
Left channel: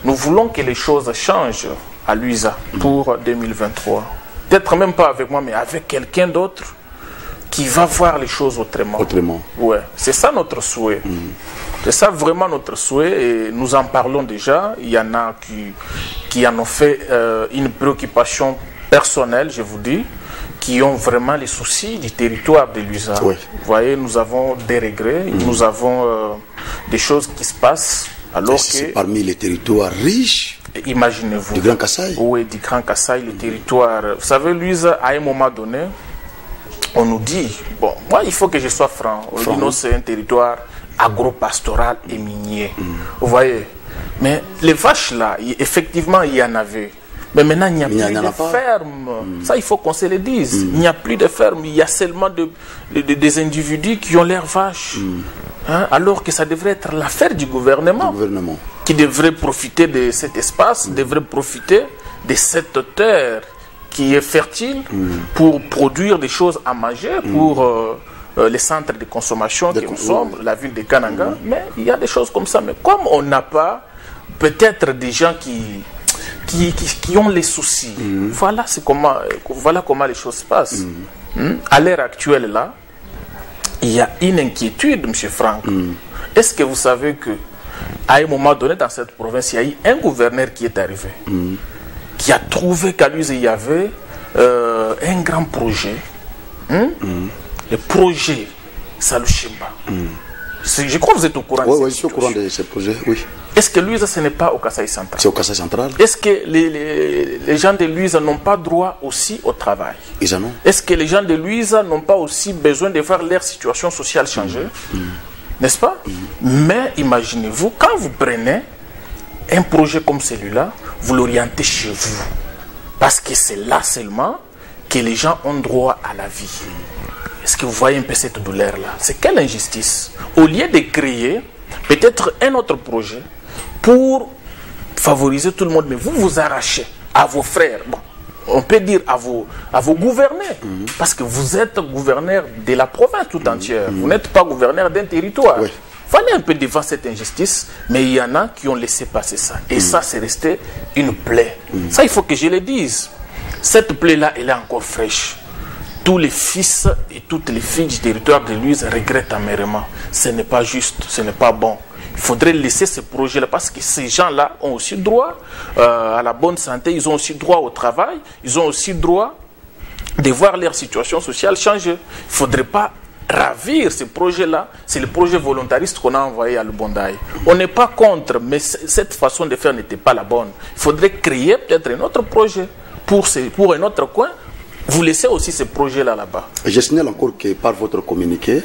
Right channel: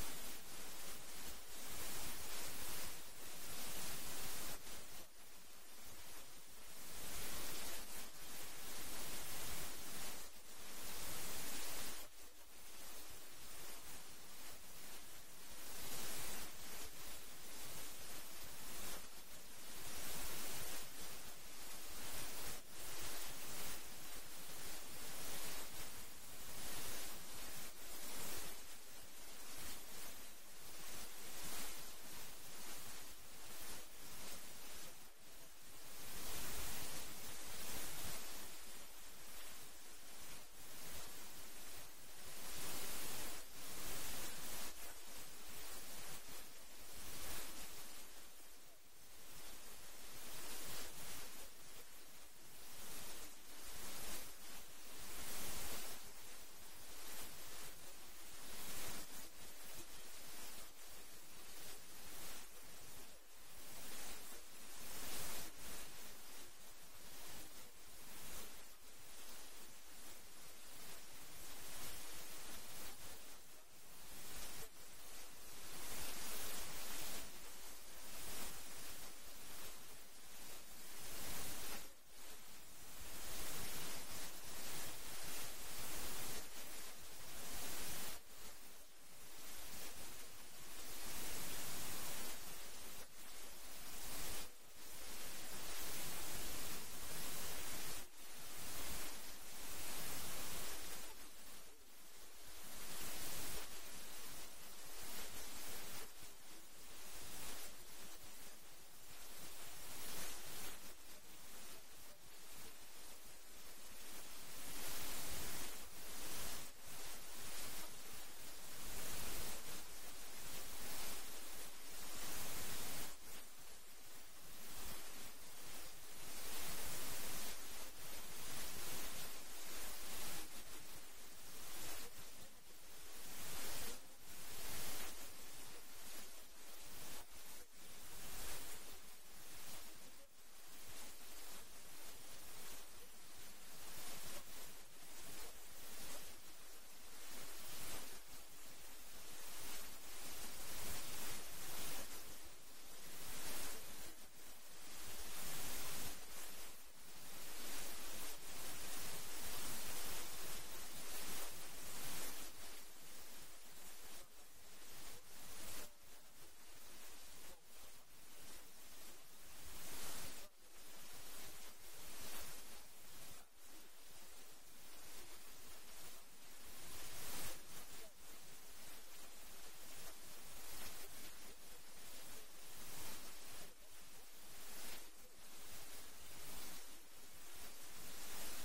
nous voulons que les choses changent à Luisa pour 2023. Peut-être même pas avec moi, mais avec quelqu'un d'autre qui va voir les choses autrement. Ouais, c'est ça notre souhait. C'est ça vraiment notre souhait et nous en parlons déjà. Il y en a qui en ont fait une préoccupation personnelle, je vous dis, qui ont vraiment les soucis du territoire de Luisa. Oui. Vous voyez, nous avons des regrets, nous avons des choses qui se passent. Alors c'est parmi les territoires riches. Imaginez-vous. Du Grand Kasaï. Oui, du Grand Kasaï, les territoires. Vous savez, Luisa, à un moment donné, on nous dit, bon, moi il faut que je sois franc. On dit non, c'est un territoire agro-pastoral et minier. Vous voyez. Mais les vaches là, effectivement, il y en avait. Mais maintenant, il n'y a plus de fermes. Ça, il faut qu'on se le dise. Il n'y a plus de fermes. Il y a seulement des individus qui ont leurs vaches. Hein, alors que ça devrait être l'affaire du gouvernement. Qui devrait profiter de cet espace, devrait profiter de cette terre qui est fertile pour produire des choses à manger pour les centres de consommation que nous sommes, la ville de Kananga. Mais il y a des choses comme ça. Mais comme on n'a pas peut-être des gens qui ont les soucis, voilà comment les choses se passent. À l'heure actuelle, là, il y a une inquiétude, M. Franck. Est-ce que vous savez que à un moment donné, dans cette province, il y a eu un gouverneur qui est arrivé, qui a trouvé qu'à lui, il y avait un grand projet. Le projet Salushimba. Je crois que vous êtes au courant de Oui, je suis au courant de ce projet, oui. Est-ce que Luisa, ce n'est pas au Kasaï central? C'est au Kasaï central. Est-ce que les gens de Luisa n'ont pas droit aussi au travail? Ils en ont. Est-ce que les gens de Luisa n'ont pas aussi besoin de voir leur situation sociale changer? N'est-ce pas? Mais imaginez-vous, quand vous prenez un projet comme celui-là, vous l'orientez chez vous. Parce que c'est là seulement que les gens ont droit à la vie. Est-ce que vous voyez un peu cette douleur-là? C'est quelle injustice? Au lieu de créer peut-être un autre projet pour favoriser tout le monde, mais vous vous arrachez à vos frères. Bon, on peut dire à vos gouverneurs, parce que vous êtes gouverneur de la province tout entière. Vous n'êtes pas gouverneur d'un territoire. Oui. Fallait un peu devant cette injustice, mais il y en a qui ont laissé passer ça. Et ça, c'est resté une plaie. Ça, il faut que je le dise. Cette plaie-là, elle est encore fraîche. Tous les fils et toutes les filles du territoire de Luisa regrettent amèrement. Ce n'est pas juste, ce n'est pas bon. Il faudrait laisser ce projet-là parce que ces gens-là ont aussi droit à la bonne santé, ils ont aussi droit au travail, ils ont aussi droit de voir leur situation sociale changer. Il ne faudrait pas ravir ces projets-là. C'est le projet volontariste qu'on a envoyé à Lubondaï. On n'est pas contre, mais cette façon de faire n'était pas la bonne. Il faudrait créer peut-être un autre projet pour un autre coin. Vous laissez aussi ces projets-là là-bas. Je signale encore que par votre communiqué,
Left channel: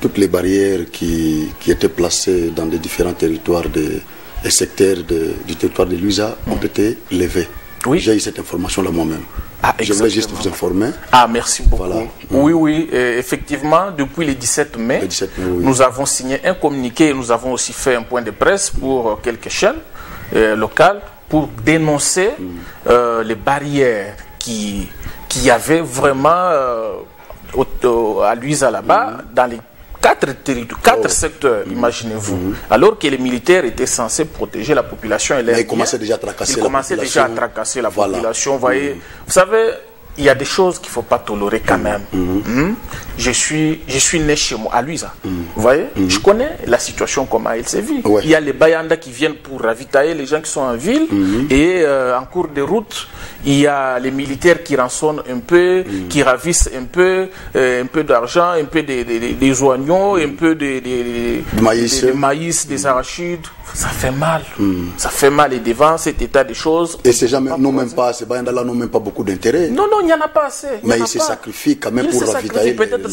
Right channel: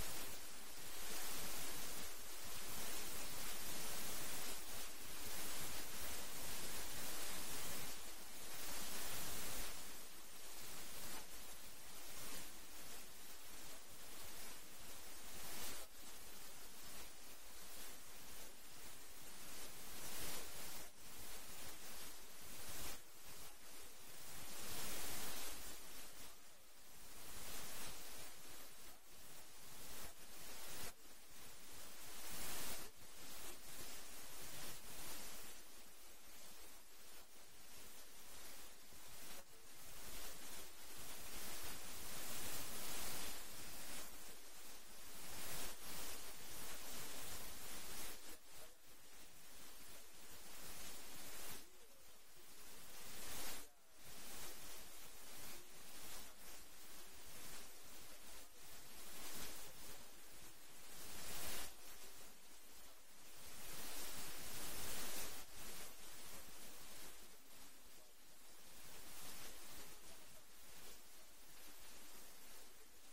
toutes les barrières qui étaient placées dans les différents territoires et secteurs du territoire de Luiza ont été levées. Oui. J'ai eu cette information-là moi-même. Ah, je voulais juste vous informer. Ah, merci beaucoup. Voilà. Oui, effectivement, depuis le 17 mai, oui. Nous avons signé un communiqué et nous avons aussi fait un point de presse pour quelques chaînes locales pour dénoncer les barrières qui y avait vraiment à Luiza là-bas, dans les 4 secteurs, imaginez-vous. Alors que les militaires étaient censés protéger la population. Mais ils commençaient déjà à tracasser la population. Vous voyez, vous savez, il y a des choses qu'il ne faut pas tolérer quand même. Je suis né chez moi, à Luiza. Vous voyez, je connais la situation, comment elle se vit. Il y a les Bayanda qui viennent pour ravitailler les gens qui sont en ville. Et en cours de route, il y a les militaires qui rançonnent un peu, qui ravissent un peu d'argent, un peu des oignons, un peu de maïs, des arachides. Ça fait mal. Ça fait mal. Et devant cet état de choses... Et ces Bayanda-là n'ont même pas beaucoup d'intérêt. Non, il n'y en a pas assez. Mais ils se sacrifient quand même pour ravitailler. Peut-être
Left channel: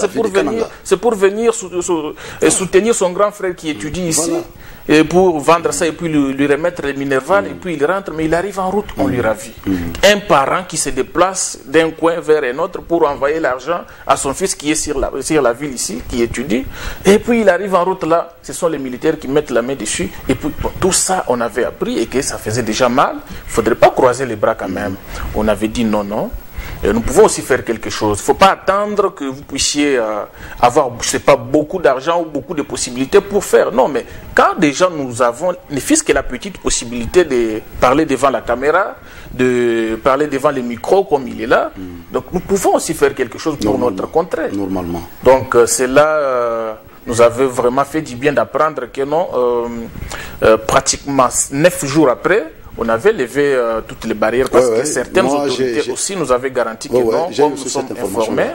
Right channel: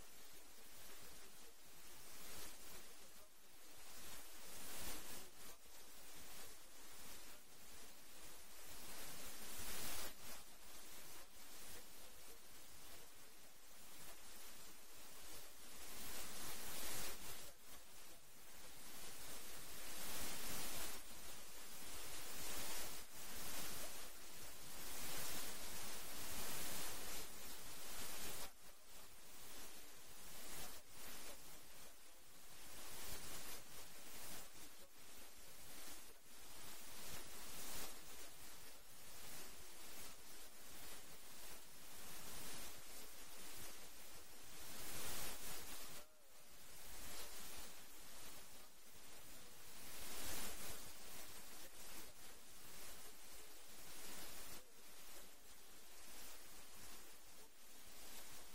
c'est pour venir soutenir son grand frère qui étudie ici. Et pour vendre ça et puis lui remettre les Minerval et puis il rentre, mais il arrive en route, on lui ravit. Un parent qui se déplace d'un coin vers un autre pour envoyer l'argent à son fils qui est sur la ville ici, qui étudie, et puis il arrive en route là, ce sont les militaires qui mettent la main dessus, et puis tout ça on avait appris et que ça faisait déjà mal, il ne faudrait pas croiser les bras quand même. On avait dit non. Et nous pouvons aussi faire quelque chose. Il ne faut pas attendre que vous puissiez avoir, je ne sais pas, beaucoup d'argent ou beaucoup de possibilités pour faire. Non, mais quand déjà nous avons, ne fût-ce que la petite possibilité de parler devant la caméra, de parler devant les micros comme il est là, donc nous pouvons aussi faire quelque chose pour notre contrée. Normalement. Donc c'est là... nous avait vraiment fait du bien d'apprendre que non, pratiquement 9 jours après, on avait levé toutes les barrières parce que certaines autorités aussi nous avaient garanti que non, comme nous sommes informés,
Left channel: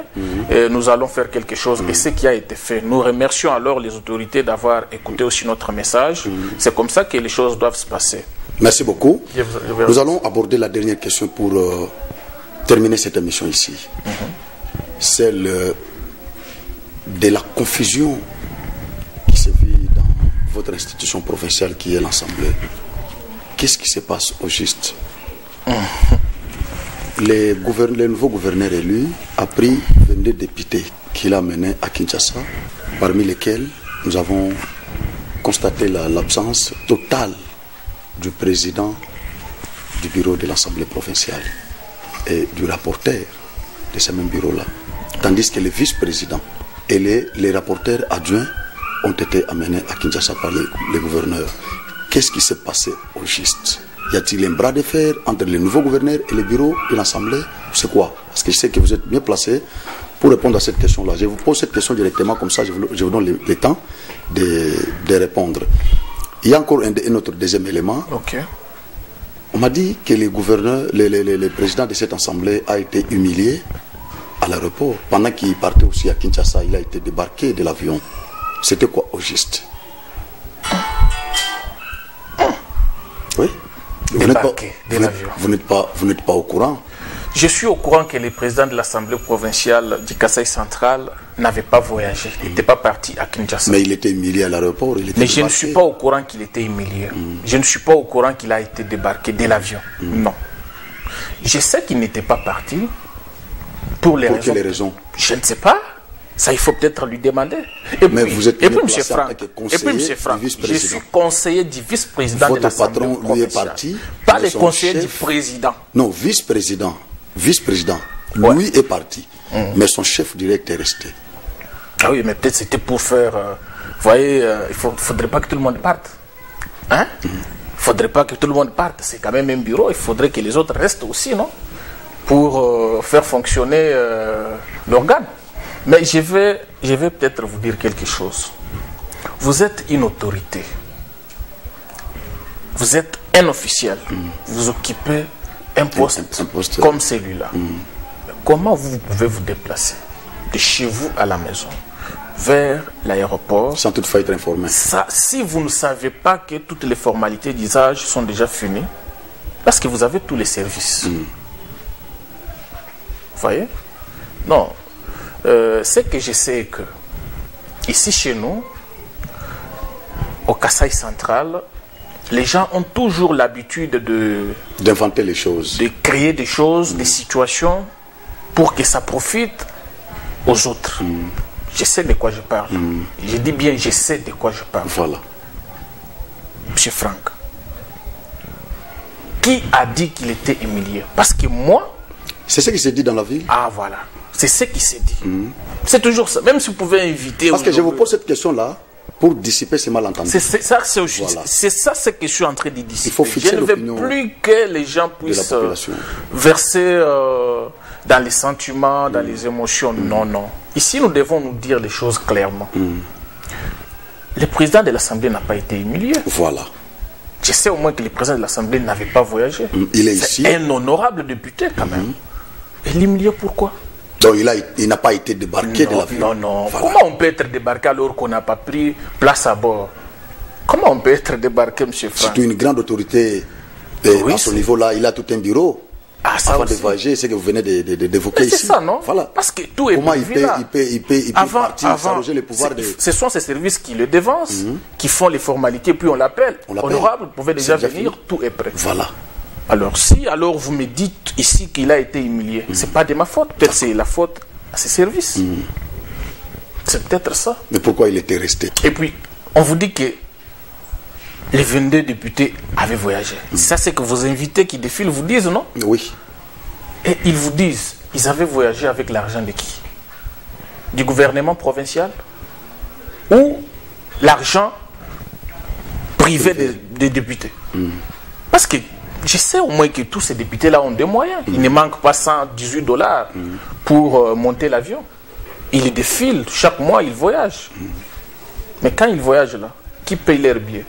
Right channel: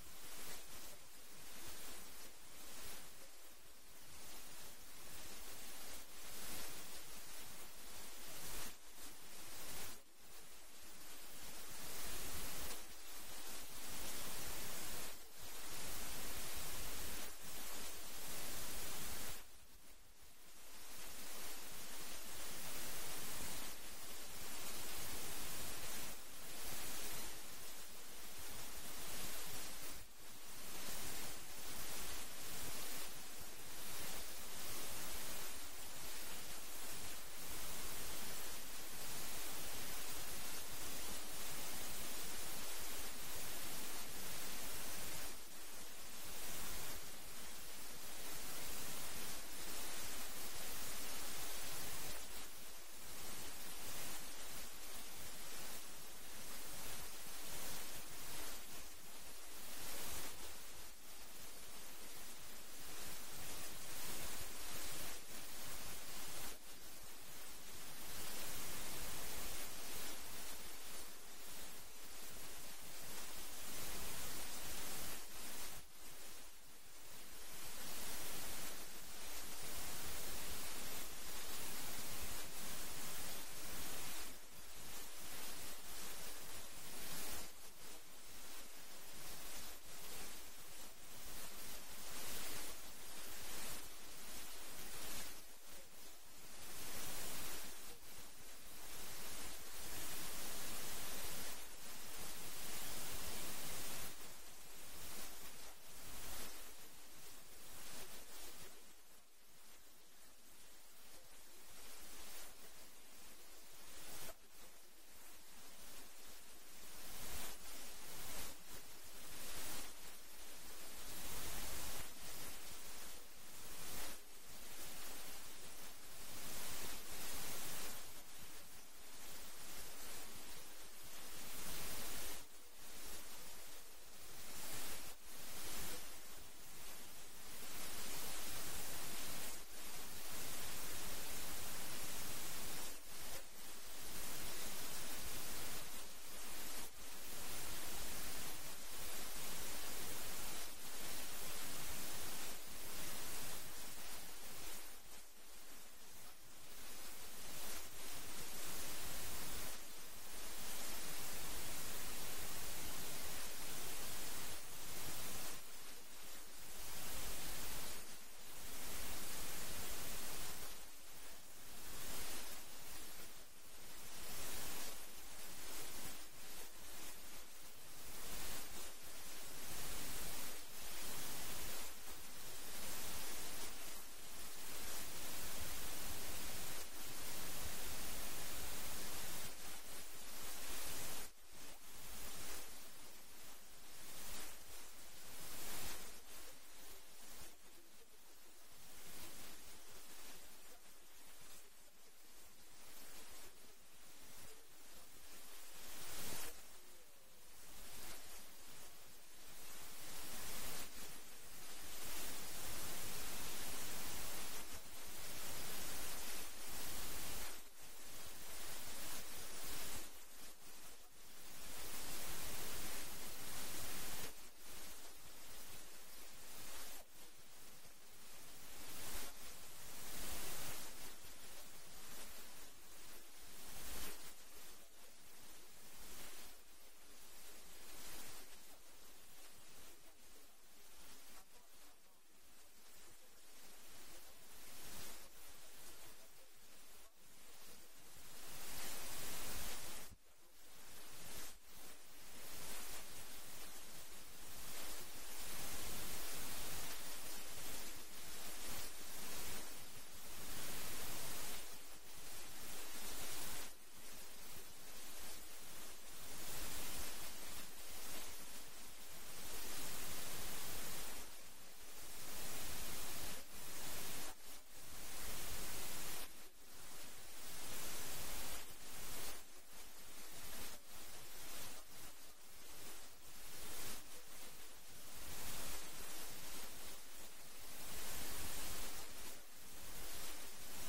nous allons faire quelque chose. Et ce qui a été fait. Nous remercions alors les autorités d'avoir écouté aussi notre message. C'est comme ça que les choses doivent se passer. Merci beaucoup. Nous allons aborder la dernière question pour terminer cette émission ici. Celle de la confusion qui se vit dans votre institution provinciale qui est l'Assemblée. Qu'est-ce qui se passe au juste? Le nouveau gouverneur élu a pris 22 députés qu'il a menés à Kinshasa, parmi lesquels nous avons constaté l'absence totale du président du bureau de l'Assemblée provinciale et du rapporteur de ce même bureau-là. Tandis que les vice-présidents et les rapporteurs adjoints ont été amenés à Kinshasa par les gouverneurs. Qu'est-ce qui s'est passé au juste? Y a-t-il un bras de fer entre le nouveau gouverneur et le bureau de l'Assemblée? C'est quoi? Parce que je sais que vous êtes bien placé pour répondre à cette question-là. Je vous pose cette question directement, comme ça je vous donne le temps de répondre. Il y a encore un autre deuxième élément. On m'a dit que le président de cette Assemblée a été humilié à l'aéroport. Pendant qu'il partait aussi à Kinshasa, il a été débarqué de l'avion. C'était quoi au juste? Oui. Vous n'êtes pas au courant? Je suis au courant que le président de l'Assemblée provinciale du Kasaï central n'avait pas voyagé, il n'était pas parti à Kinshasa. Mais il était humilié à l'aéroport. Mais je ne suis pas au courant qu'il était humilié. Je ne suis pas au courant qu'il a été débarqué de l'avion. Non. Je sais qu'il n'était pas parti pour les quelles raisons? Je ne sais pas. Ça, il faut peut-être lui demander. Mais vous êtes M. Franck, je suis conseiller du vice-président de l'Assemblée provinciale. Lui est parti. Pas le conseiller du président. Non, vice-président. Lui est parti. Mais son chef direct est resté. Ah oui, mais peut-être c'était pour faire... vous voyez, il ne faudrait pas que tout le monde parte. Hein? Il ne faudrait pas que tout le monde parte. C'est quand même un bureau. Il faudrait que les autres restent aussi, non? Pour faire fonctionner l'organe. Mais je vais peut-être vous dire quelque chose. Vous êtes une autorité. Vous êtes un officiel. Vous occupez un poste comme celui-là. Comment vous pouvez vous déplacer de chez vous à la maison? vers l'aéroport. Sans toutefois être informé. Ça, si vous ne savez pas que toutes les formalités d'usage sont déjà finies, parce que vous avez tous les services. Vous voyez? Non. Ce que je sais que, ici chez nous, au Kasaï central, les gens ont toujours l'habitude d'inventer les choses. De créer des choses, des situations, pour que ça profite aux autres. Je sais de quoi je parle. Je dis bien, je sais de quoi je parle. Voilà. Monsieur Franck, qui a dit qu'il était humilié? Parce que moi... C'est ce qui s'est dit dans la ville. Ah, voilà. C'est ce qui s'est dit. C'est toujours ça. Même si vous pouvez inviter... Parce que je vous pose cette question-là pour dissiper ces malentendus. C'est ça, c'est ça ce que je suis en train de dissiper. Il faut fixer je ne veux plus que les gens puissent verser dans les sentiments, dans les émotions. Non, non. Ici, nous devons nous dire les choses clairement. Le président de l'Assemblée n'a pas été humilié. Voilà. Je sais au moins que le président de l'Assemblée n'avait pas voyagé. Il est ici. C'est un honorable député quand même. Et l'humilier pourquoi? Donc il n'a pas été débarqué de l'avion. Non, non. Voilà. Comment on peut être débarqué alors qu'on n'a pas pris place à bord? Comment on peut être débarqué, M. Franck? C'est une grande autorité. Oui, à ce niveau-là, il a tout un bureau. Ah, ça avant de voyager, c'est que vous venez d'évoquer ici. C'est ça, non? Voilà. Parce que tout est comment prévu là. il peut partir, s'arroger les pouvoirs de... Ce sont ces services qui le devancent, qui font les formalités, puis on l'appelle. Honorable, vous pouvez déjà venir, tout est prêt. Voilà. Alors, si alors vous me dites ici qu'il a été humilié, c'est pas de ma faute. Peut-être c'est la faute à ses services. C'est peut-être ça. Mais pourquoi il était resté? Et puis, on vous dit que les 22 députés avaient voyagé. Ça, c'est que vos invités qui défilent vous disent, non? Oui. Et ils vous disent, ils avaient voyagé avec l'argent de qui? Du gouvernement provincial? Ou l'argent privé des députés? Parce que je sais au moins que tous ces députés-là ont des moyens. Il ne manque pas $118 pour monter l'avion. Ils défilent, chaque mois ils voyagent. Mais quand ils voyagent là, qui paye leurs billets?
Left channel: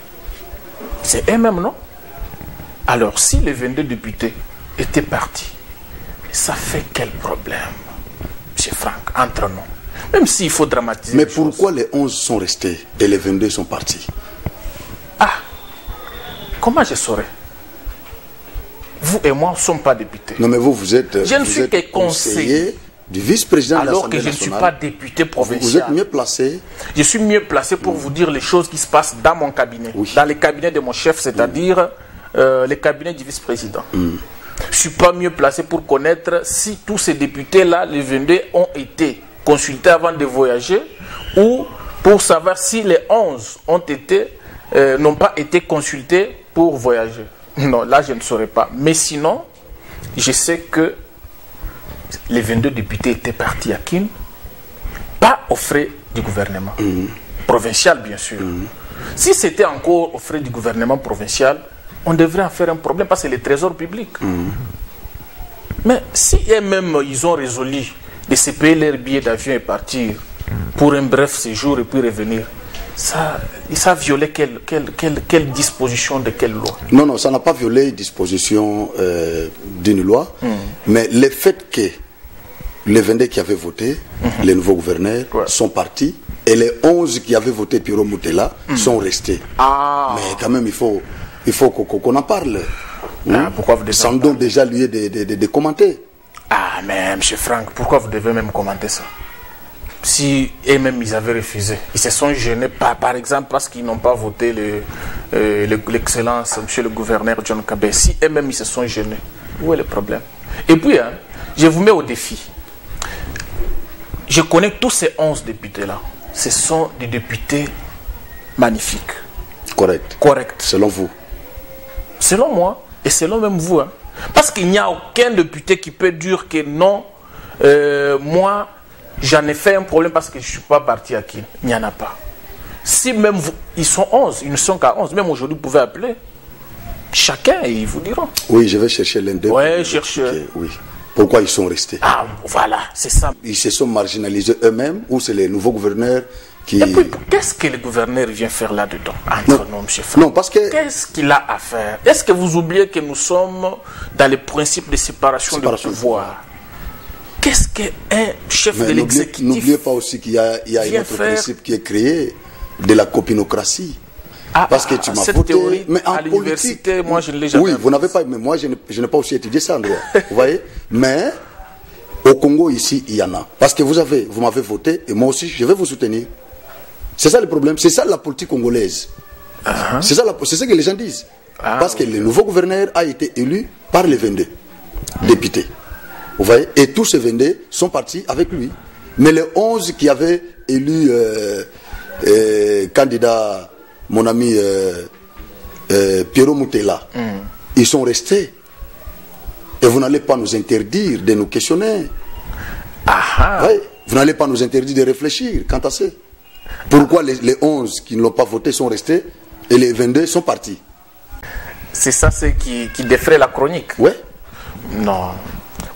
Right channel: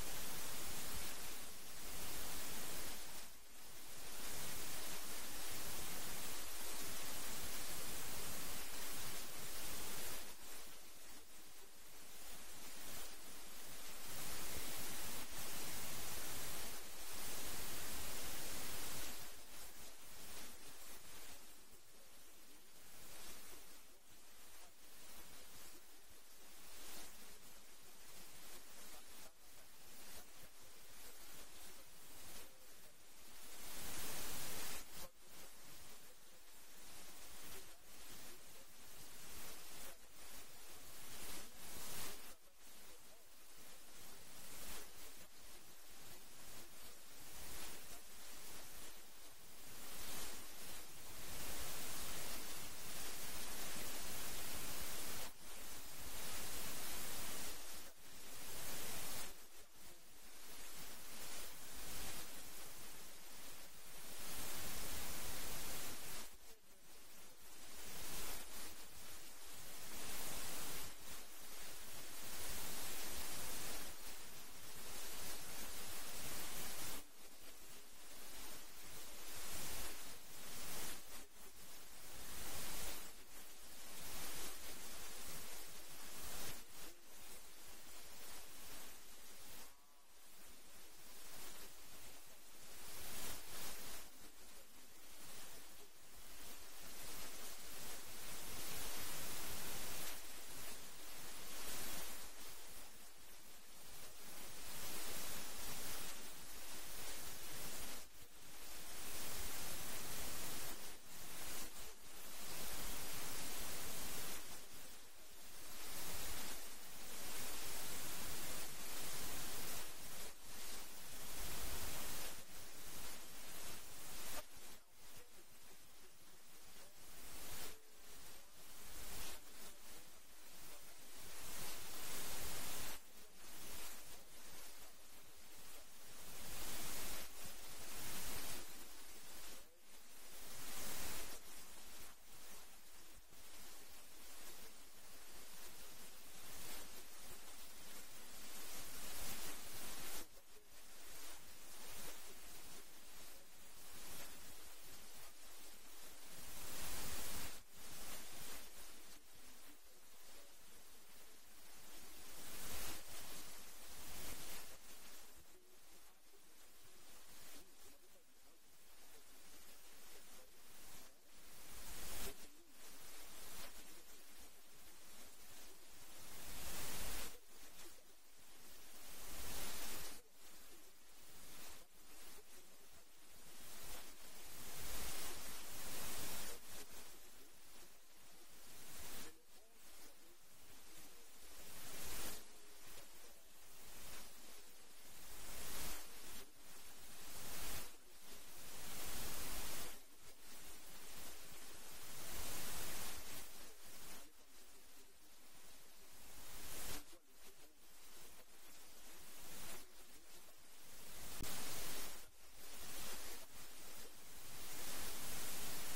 C'est eux-mêmes, non? Alors, si les 22 députés étaient partis, ça fait quel problème, M. Franck, entre nous? Même s'il faut dramatiser. Mais pourquoi les 11 sont restés et les 22 sont partis? Ah, comment je saurais? Vous et moi ne sommes pas députés. Non, mais vous êtes, je ne suis que conseiller du vice-président de l'Assemblée nationale. Alors que je ne suis pas député provincial. Vous êtes mieux placé. Je suis mieux placé pour vous dire les choses qui se passent dans mon cabinet. Oui. Dans le cabinet de mon chef, c'est-à-dire le cabinet du vice-président. Je ne suis pas mieux placé pour connaître si tous ces députés-là, les 22, ont été consultés avant de voyager ou pour savoir si les 11 n'ont pas été consultés pour voyager. Non, là, je ne saurais pas. Mais sinon, je sais que les 22 députés étaient partis à Kin, pas aux frais du gouvernement. Provincial, bien sûr. Si c'était encore aux frais du gouvernement provincial, on devrait en faire un problème parce que c'est le trésor public. Mais si eux-mêmes, ils ont résolu de se payer leur billet d'avion et partir pour un bref séjour et puis revenir, ça a violé quelle disposition de quelle loi? Non, non, ça n'a pas violé disposition d'une loi, mais le fait que les 22 qui avaient voté, les nouveaux gouverneurs, sont partis, et les 11 qui avaient voté Piro Moutela sont restés. Ah. Mais quand même, il faut qu'on en parle. Pourquoi vous devez sans donc déjà lieu de commenter. Ah, mais M. Franck, pourquoi vous devez même commenter ça? Si eux-mêmes ils avaient refusé, ils se sont gênés par exemple parce qu'ils n'ont pas voté l'excellence, monsieur le gouverneur John Kabé. Si eux-mêmes ils se sont gênés, où est le problème? Et puis, je vous mets au défi. Je connais tous ces 11 députés-là. Ce sont des députés magnifiques. Correct. Correct. Selon vous? Selon moi, et selon même vous. Parce qu'il n'y a aucun député qui peut dire que non, moi, j'en ai fait un problème parce que je ne suis pas parti à qui. Il n'y en a pas. Si même vous, ils sont 11, ils ne sont qu'à 11. Même aujourd'hui, vous pouvez appeler chacun et ils vous diront. Oui, je vais chercher l'un d'eux. Oui, cherchez. Oui. Pourquoi ils sont restés? Ah, voilà, c'est ça. Ils se sont marginalisés eux-mêmes ou c'est les nouveaux gouverneurs qui... Et puis, qu'est-ce que le gouverneur vient faire là-dedans? Entre nous, M. Franck. Non, parce que... Qu'est-ce qu'il a à faire? Est-ce que vous oubliez que nous sommes dans les principes de séparation de pouvoir? qu'est-ce qu'un chef de l'exécutif? N'oubliez pas aussi qu'il y a un autre principe qui est créé, de la copinocratie. Parce que tu m'as voté, mais en politique, moi je ne l'ai jamais. Oui, vous n'avez pas, mais moi je n'ai pas aussi étudié ça en droit. Vous voyez? Mais au Congo ici, il y en a. Parce que vous m'avez voté et moi aussi je vais vous soutenir. C'est ça le problème, c'est ça la politique congolaise. C'est ce que les gens disent. Parce que le nouveau gouverneur a été élu par les 22 députés. Vous voyez? Et tous ces 22 sont partis avec lui. Mais les 11 qui avaient élu candidat, mon ami Pierrot Moutela, ils sont restés. Et vous n'allez pas nous interdire de nous questionner. Ouais, vous n'allez pas nous interdire de réfléchir quant à ça. Pourquoi les 11 qui ne l'ont pas voté sont restés et les 22 sont partis? C'est ça qui défraie la chronique. Oui. Non.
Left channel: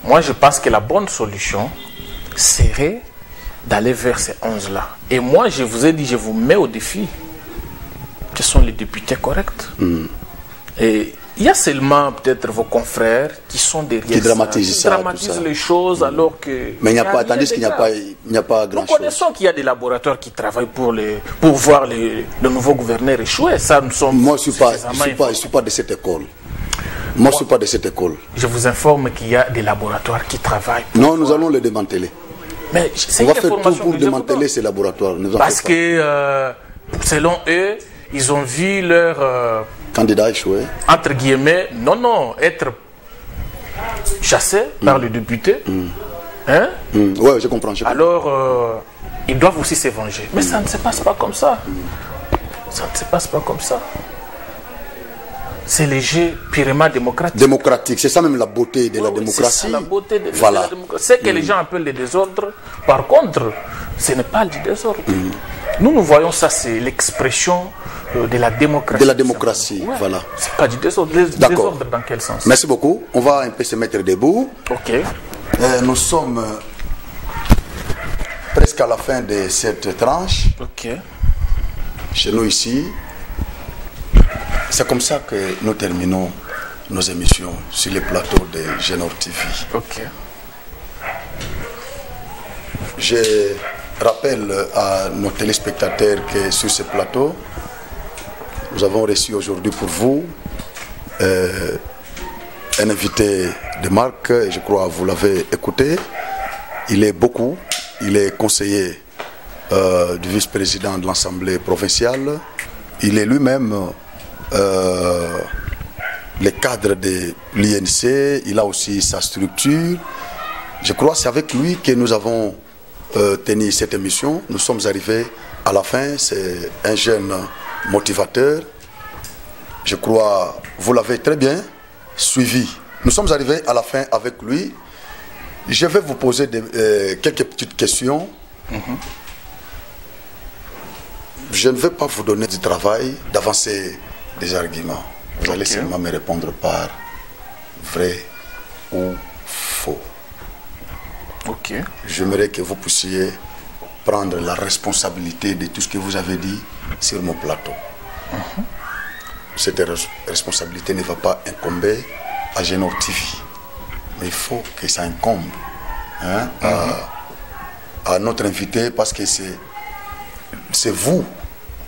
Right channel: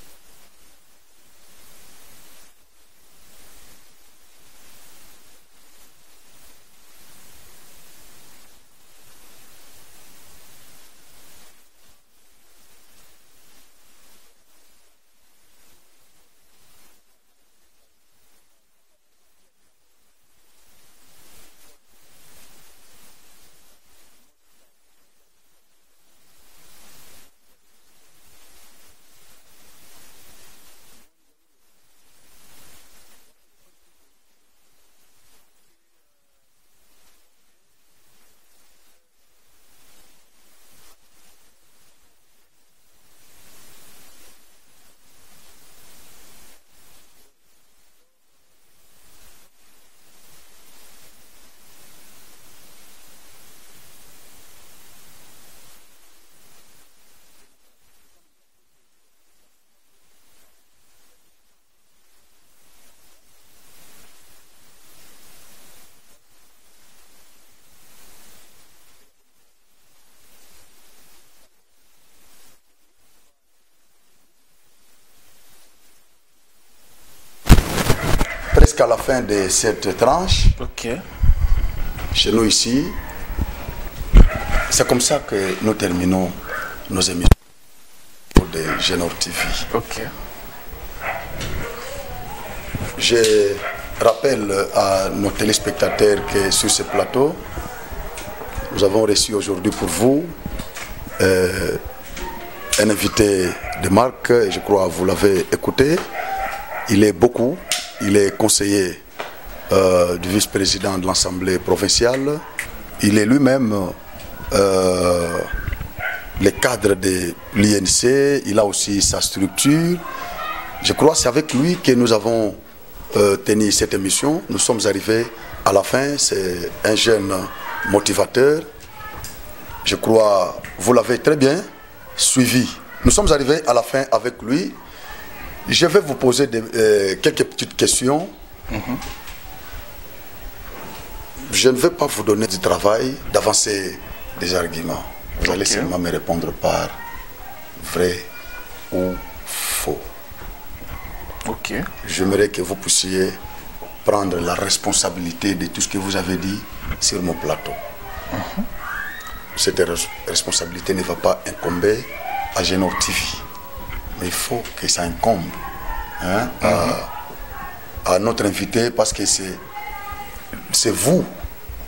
Moi, je pense que la bonne solution serait d'aller vers ces 11-là. Et moi, je vous ai dit, je vous mets au défi. Quels sont les députés corrects? Et il y a seulement peut-être vos confrères qui sont derrière qui dramatisent les choses alors que... Mais il n'y a pas, tandis qu'il n'y a pas grand-chose. Nous connaissons qu'il y a des laboratoires qui travaillent pour voir le nouveau gouverneur échouer. Ça, nous sommes... Moi, je ne suis pas de cette école. Moi, je ne suis pas de cette école. Je vous informe qu'il y a des laboratoires qui travaillent. Non, nous allons les démanteler. Mais on va faire tout pour démanteler ces laboratoires. Parce que, selon eux, ils ont vu leur... candidat échoué. Entre guillemets, être chassé par le député. Hein? Oui, je comprends. Alors, ils doivent aussi se venger. Mais ça ne se passe pas comme ça. Ça ne se passe pas comme ça. C'est le jeu purement démocratique. Démocratique, c'est ça même la beauté de la démocratie. C'est ça la beauté de la démocratie. C'est que les gens appellent le désordre. Par contre, ce n'est pas du désordre. Nous voyons ça, c'est l'expression de la démocratie. De la démocratie, voilà. C'est pas du désordre. Désordre dans quel sens? Merci beaucoup. On va un peu se mettre debout. Ok. Nous sommes presque à la fin de cette tranche. Ok. Chez nous ici. C'est comme ça que nous terminons nos émissions sur les plateaux de Genor TV. Ok. Je rappelle à nos téléspectateurs que sur ce plateau, nous avons reçu aujourd'hui pour vous un invité de marque, et je crois que vous l'avez écouté. Il est conseiller du vice-président de l'Assemblée provinciale. Il est lui-même le cadre de l'INC, il a aussi sa structure. Je crois que c'est avec lui que nous avons tenu cette émission. Nous sommes arrivés à la fin. C'est un jeune motivateur. Je crois vous l'avez très bien suivi. Nous sommes arrivés à la fin avec lui. Je vais vous poser quelques petites questions. Je ne vais pas vous donner du travail d'avancer des arguments. Vous allez seulement me répondre par vrai ou faux. Ok. J'aimerais que vous puissiez prendre la responsabilité de tout ce que vous avez dit sur mon plateau. Cette responsabilité ne va pas incomber à Genor TV. Mais il faut que ça incombe à notre invité, parce que c'est vous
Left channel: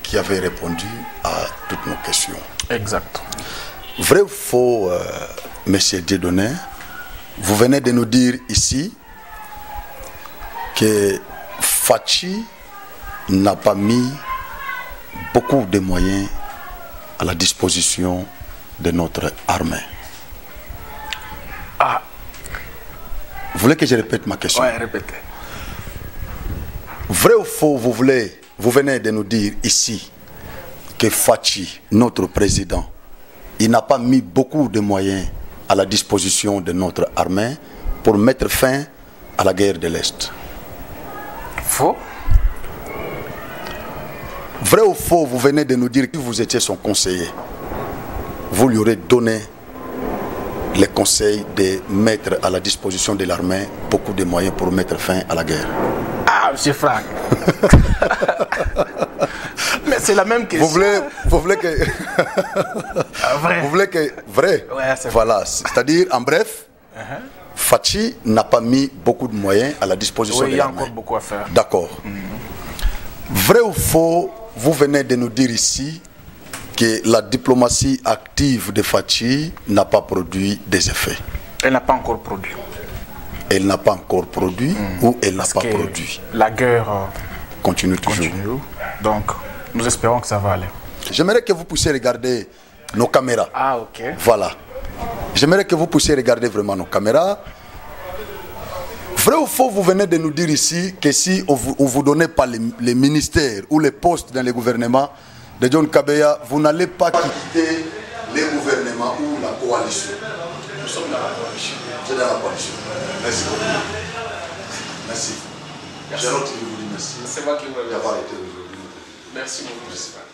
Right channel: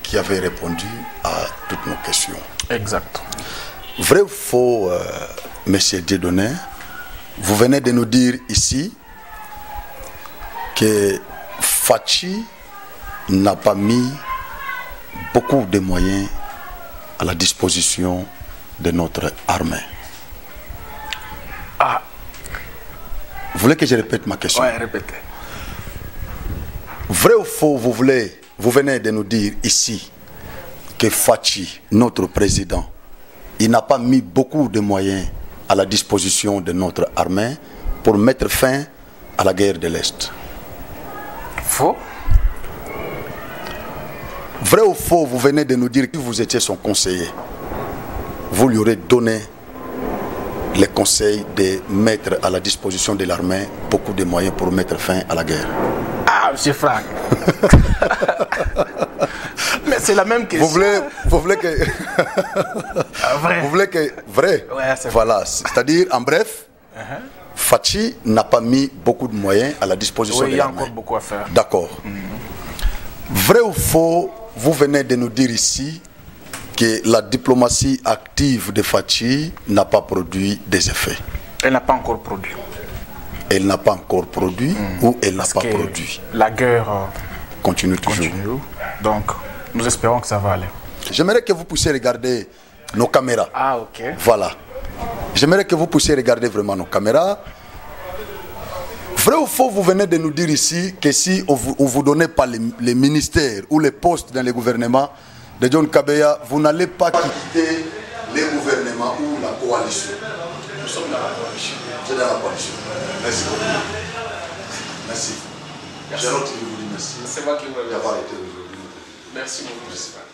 qui avez répondu à toutes nos questions. Exact. Vrai ou faux, Monsieur Dieudonné, vous venez de nous dire ici que Fachi n'a pas mis beaucoup de moyens à la disposition de notre armée. Vous voulez que je répète ma question? Oui, répétez. Vrai ou faux, vous venez de nous dire ici que Fachi, notre président, il n'a pas mis beaucoup de moyens à la disposition de notre armée pour mettre fin à la guerre de l'Est. Faux. Vrai ou faux, vous venez de nous dire que vous étiez son conseiller. Vous lui aurez donné les conseils de mettre à la disposition de l'armée beaucoup de moyens pour mettre fin à la guerre. Ah, M. Franck. Mais c'est la même question. Vous voulez que... vrai. Vous voulez que... Vrai. Ouais, c'est voilà. C'est-à-dire, en bref, Fachi n'a pas mis beaucoup de moyens à la disposition de l'armée. Oui, il y a encore beaucoup à faire. D'accord. Vrai ou faux, vous venez de nous dire ici que la diplomatie active de Fachi n'a pas produit des effets. Elle n'a pas encore produit. Elle n'a pas encore produit ou elle n'a pas produit. La guerre continue toujours. Donc, nous espérons que ça va aller. J'aimerais que vous puissiez regarder nos caméras. Ah, ok. Voilà. J'aimerais que vous puissiez regarder vraiment nos caméras. Vrai ou faux, vous venez de nous dire ici que si on vous donnait pas les ministères ou les postes dans le gouvernement de John Kabeya, vous n'allez pas quitter les gouvernements ou la coalition. Nous sommes dans la coalition. Vous êtes dans la coalition. Merci beaucoup. Merci. J'ai l'autre qui vous dit merci. C'est moi qui vous remercie. D'avoir été aujourd'hui. Merci beaucoup.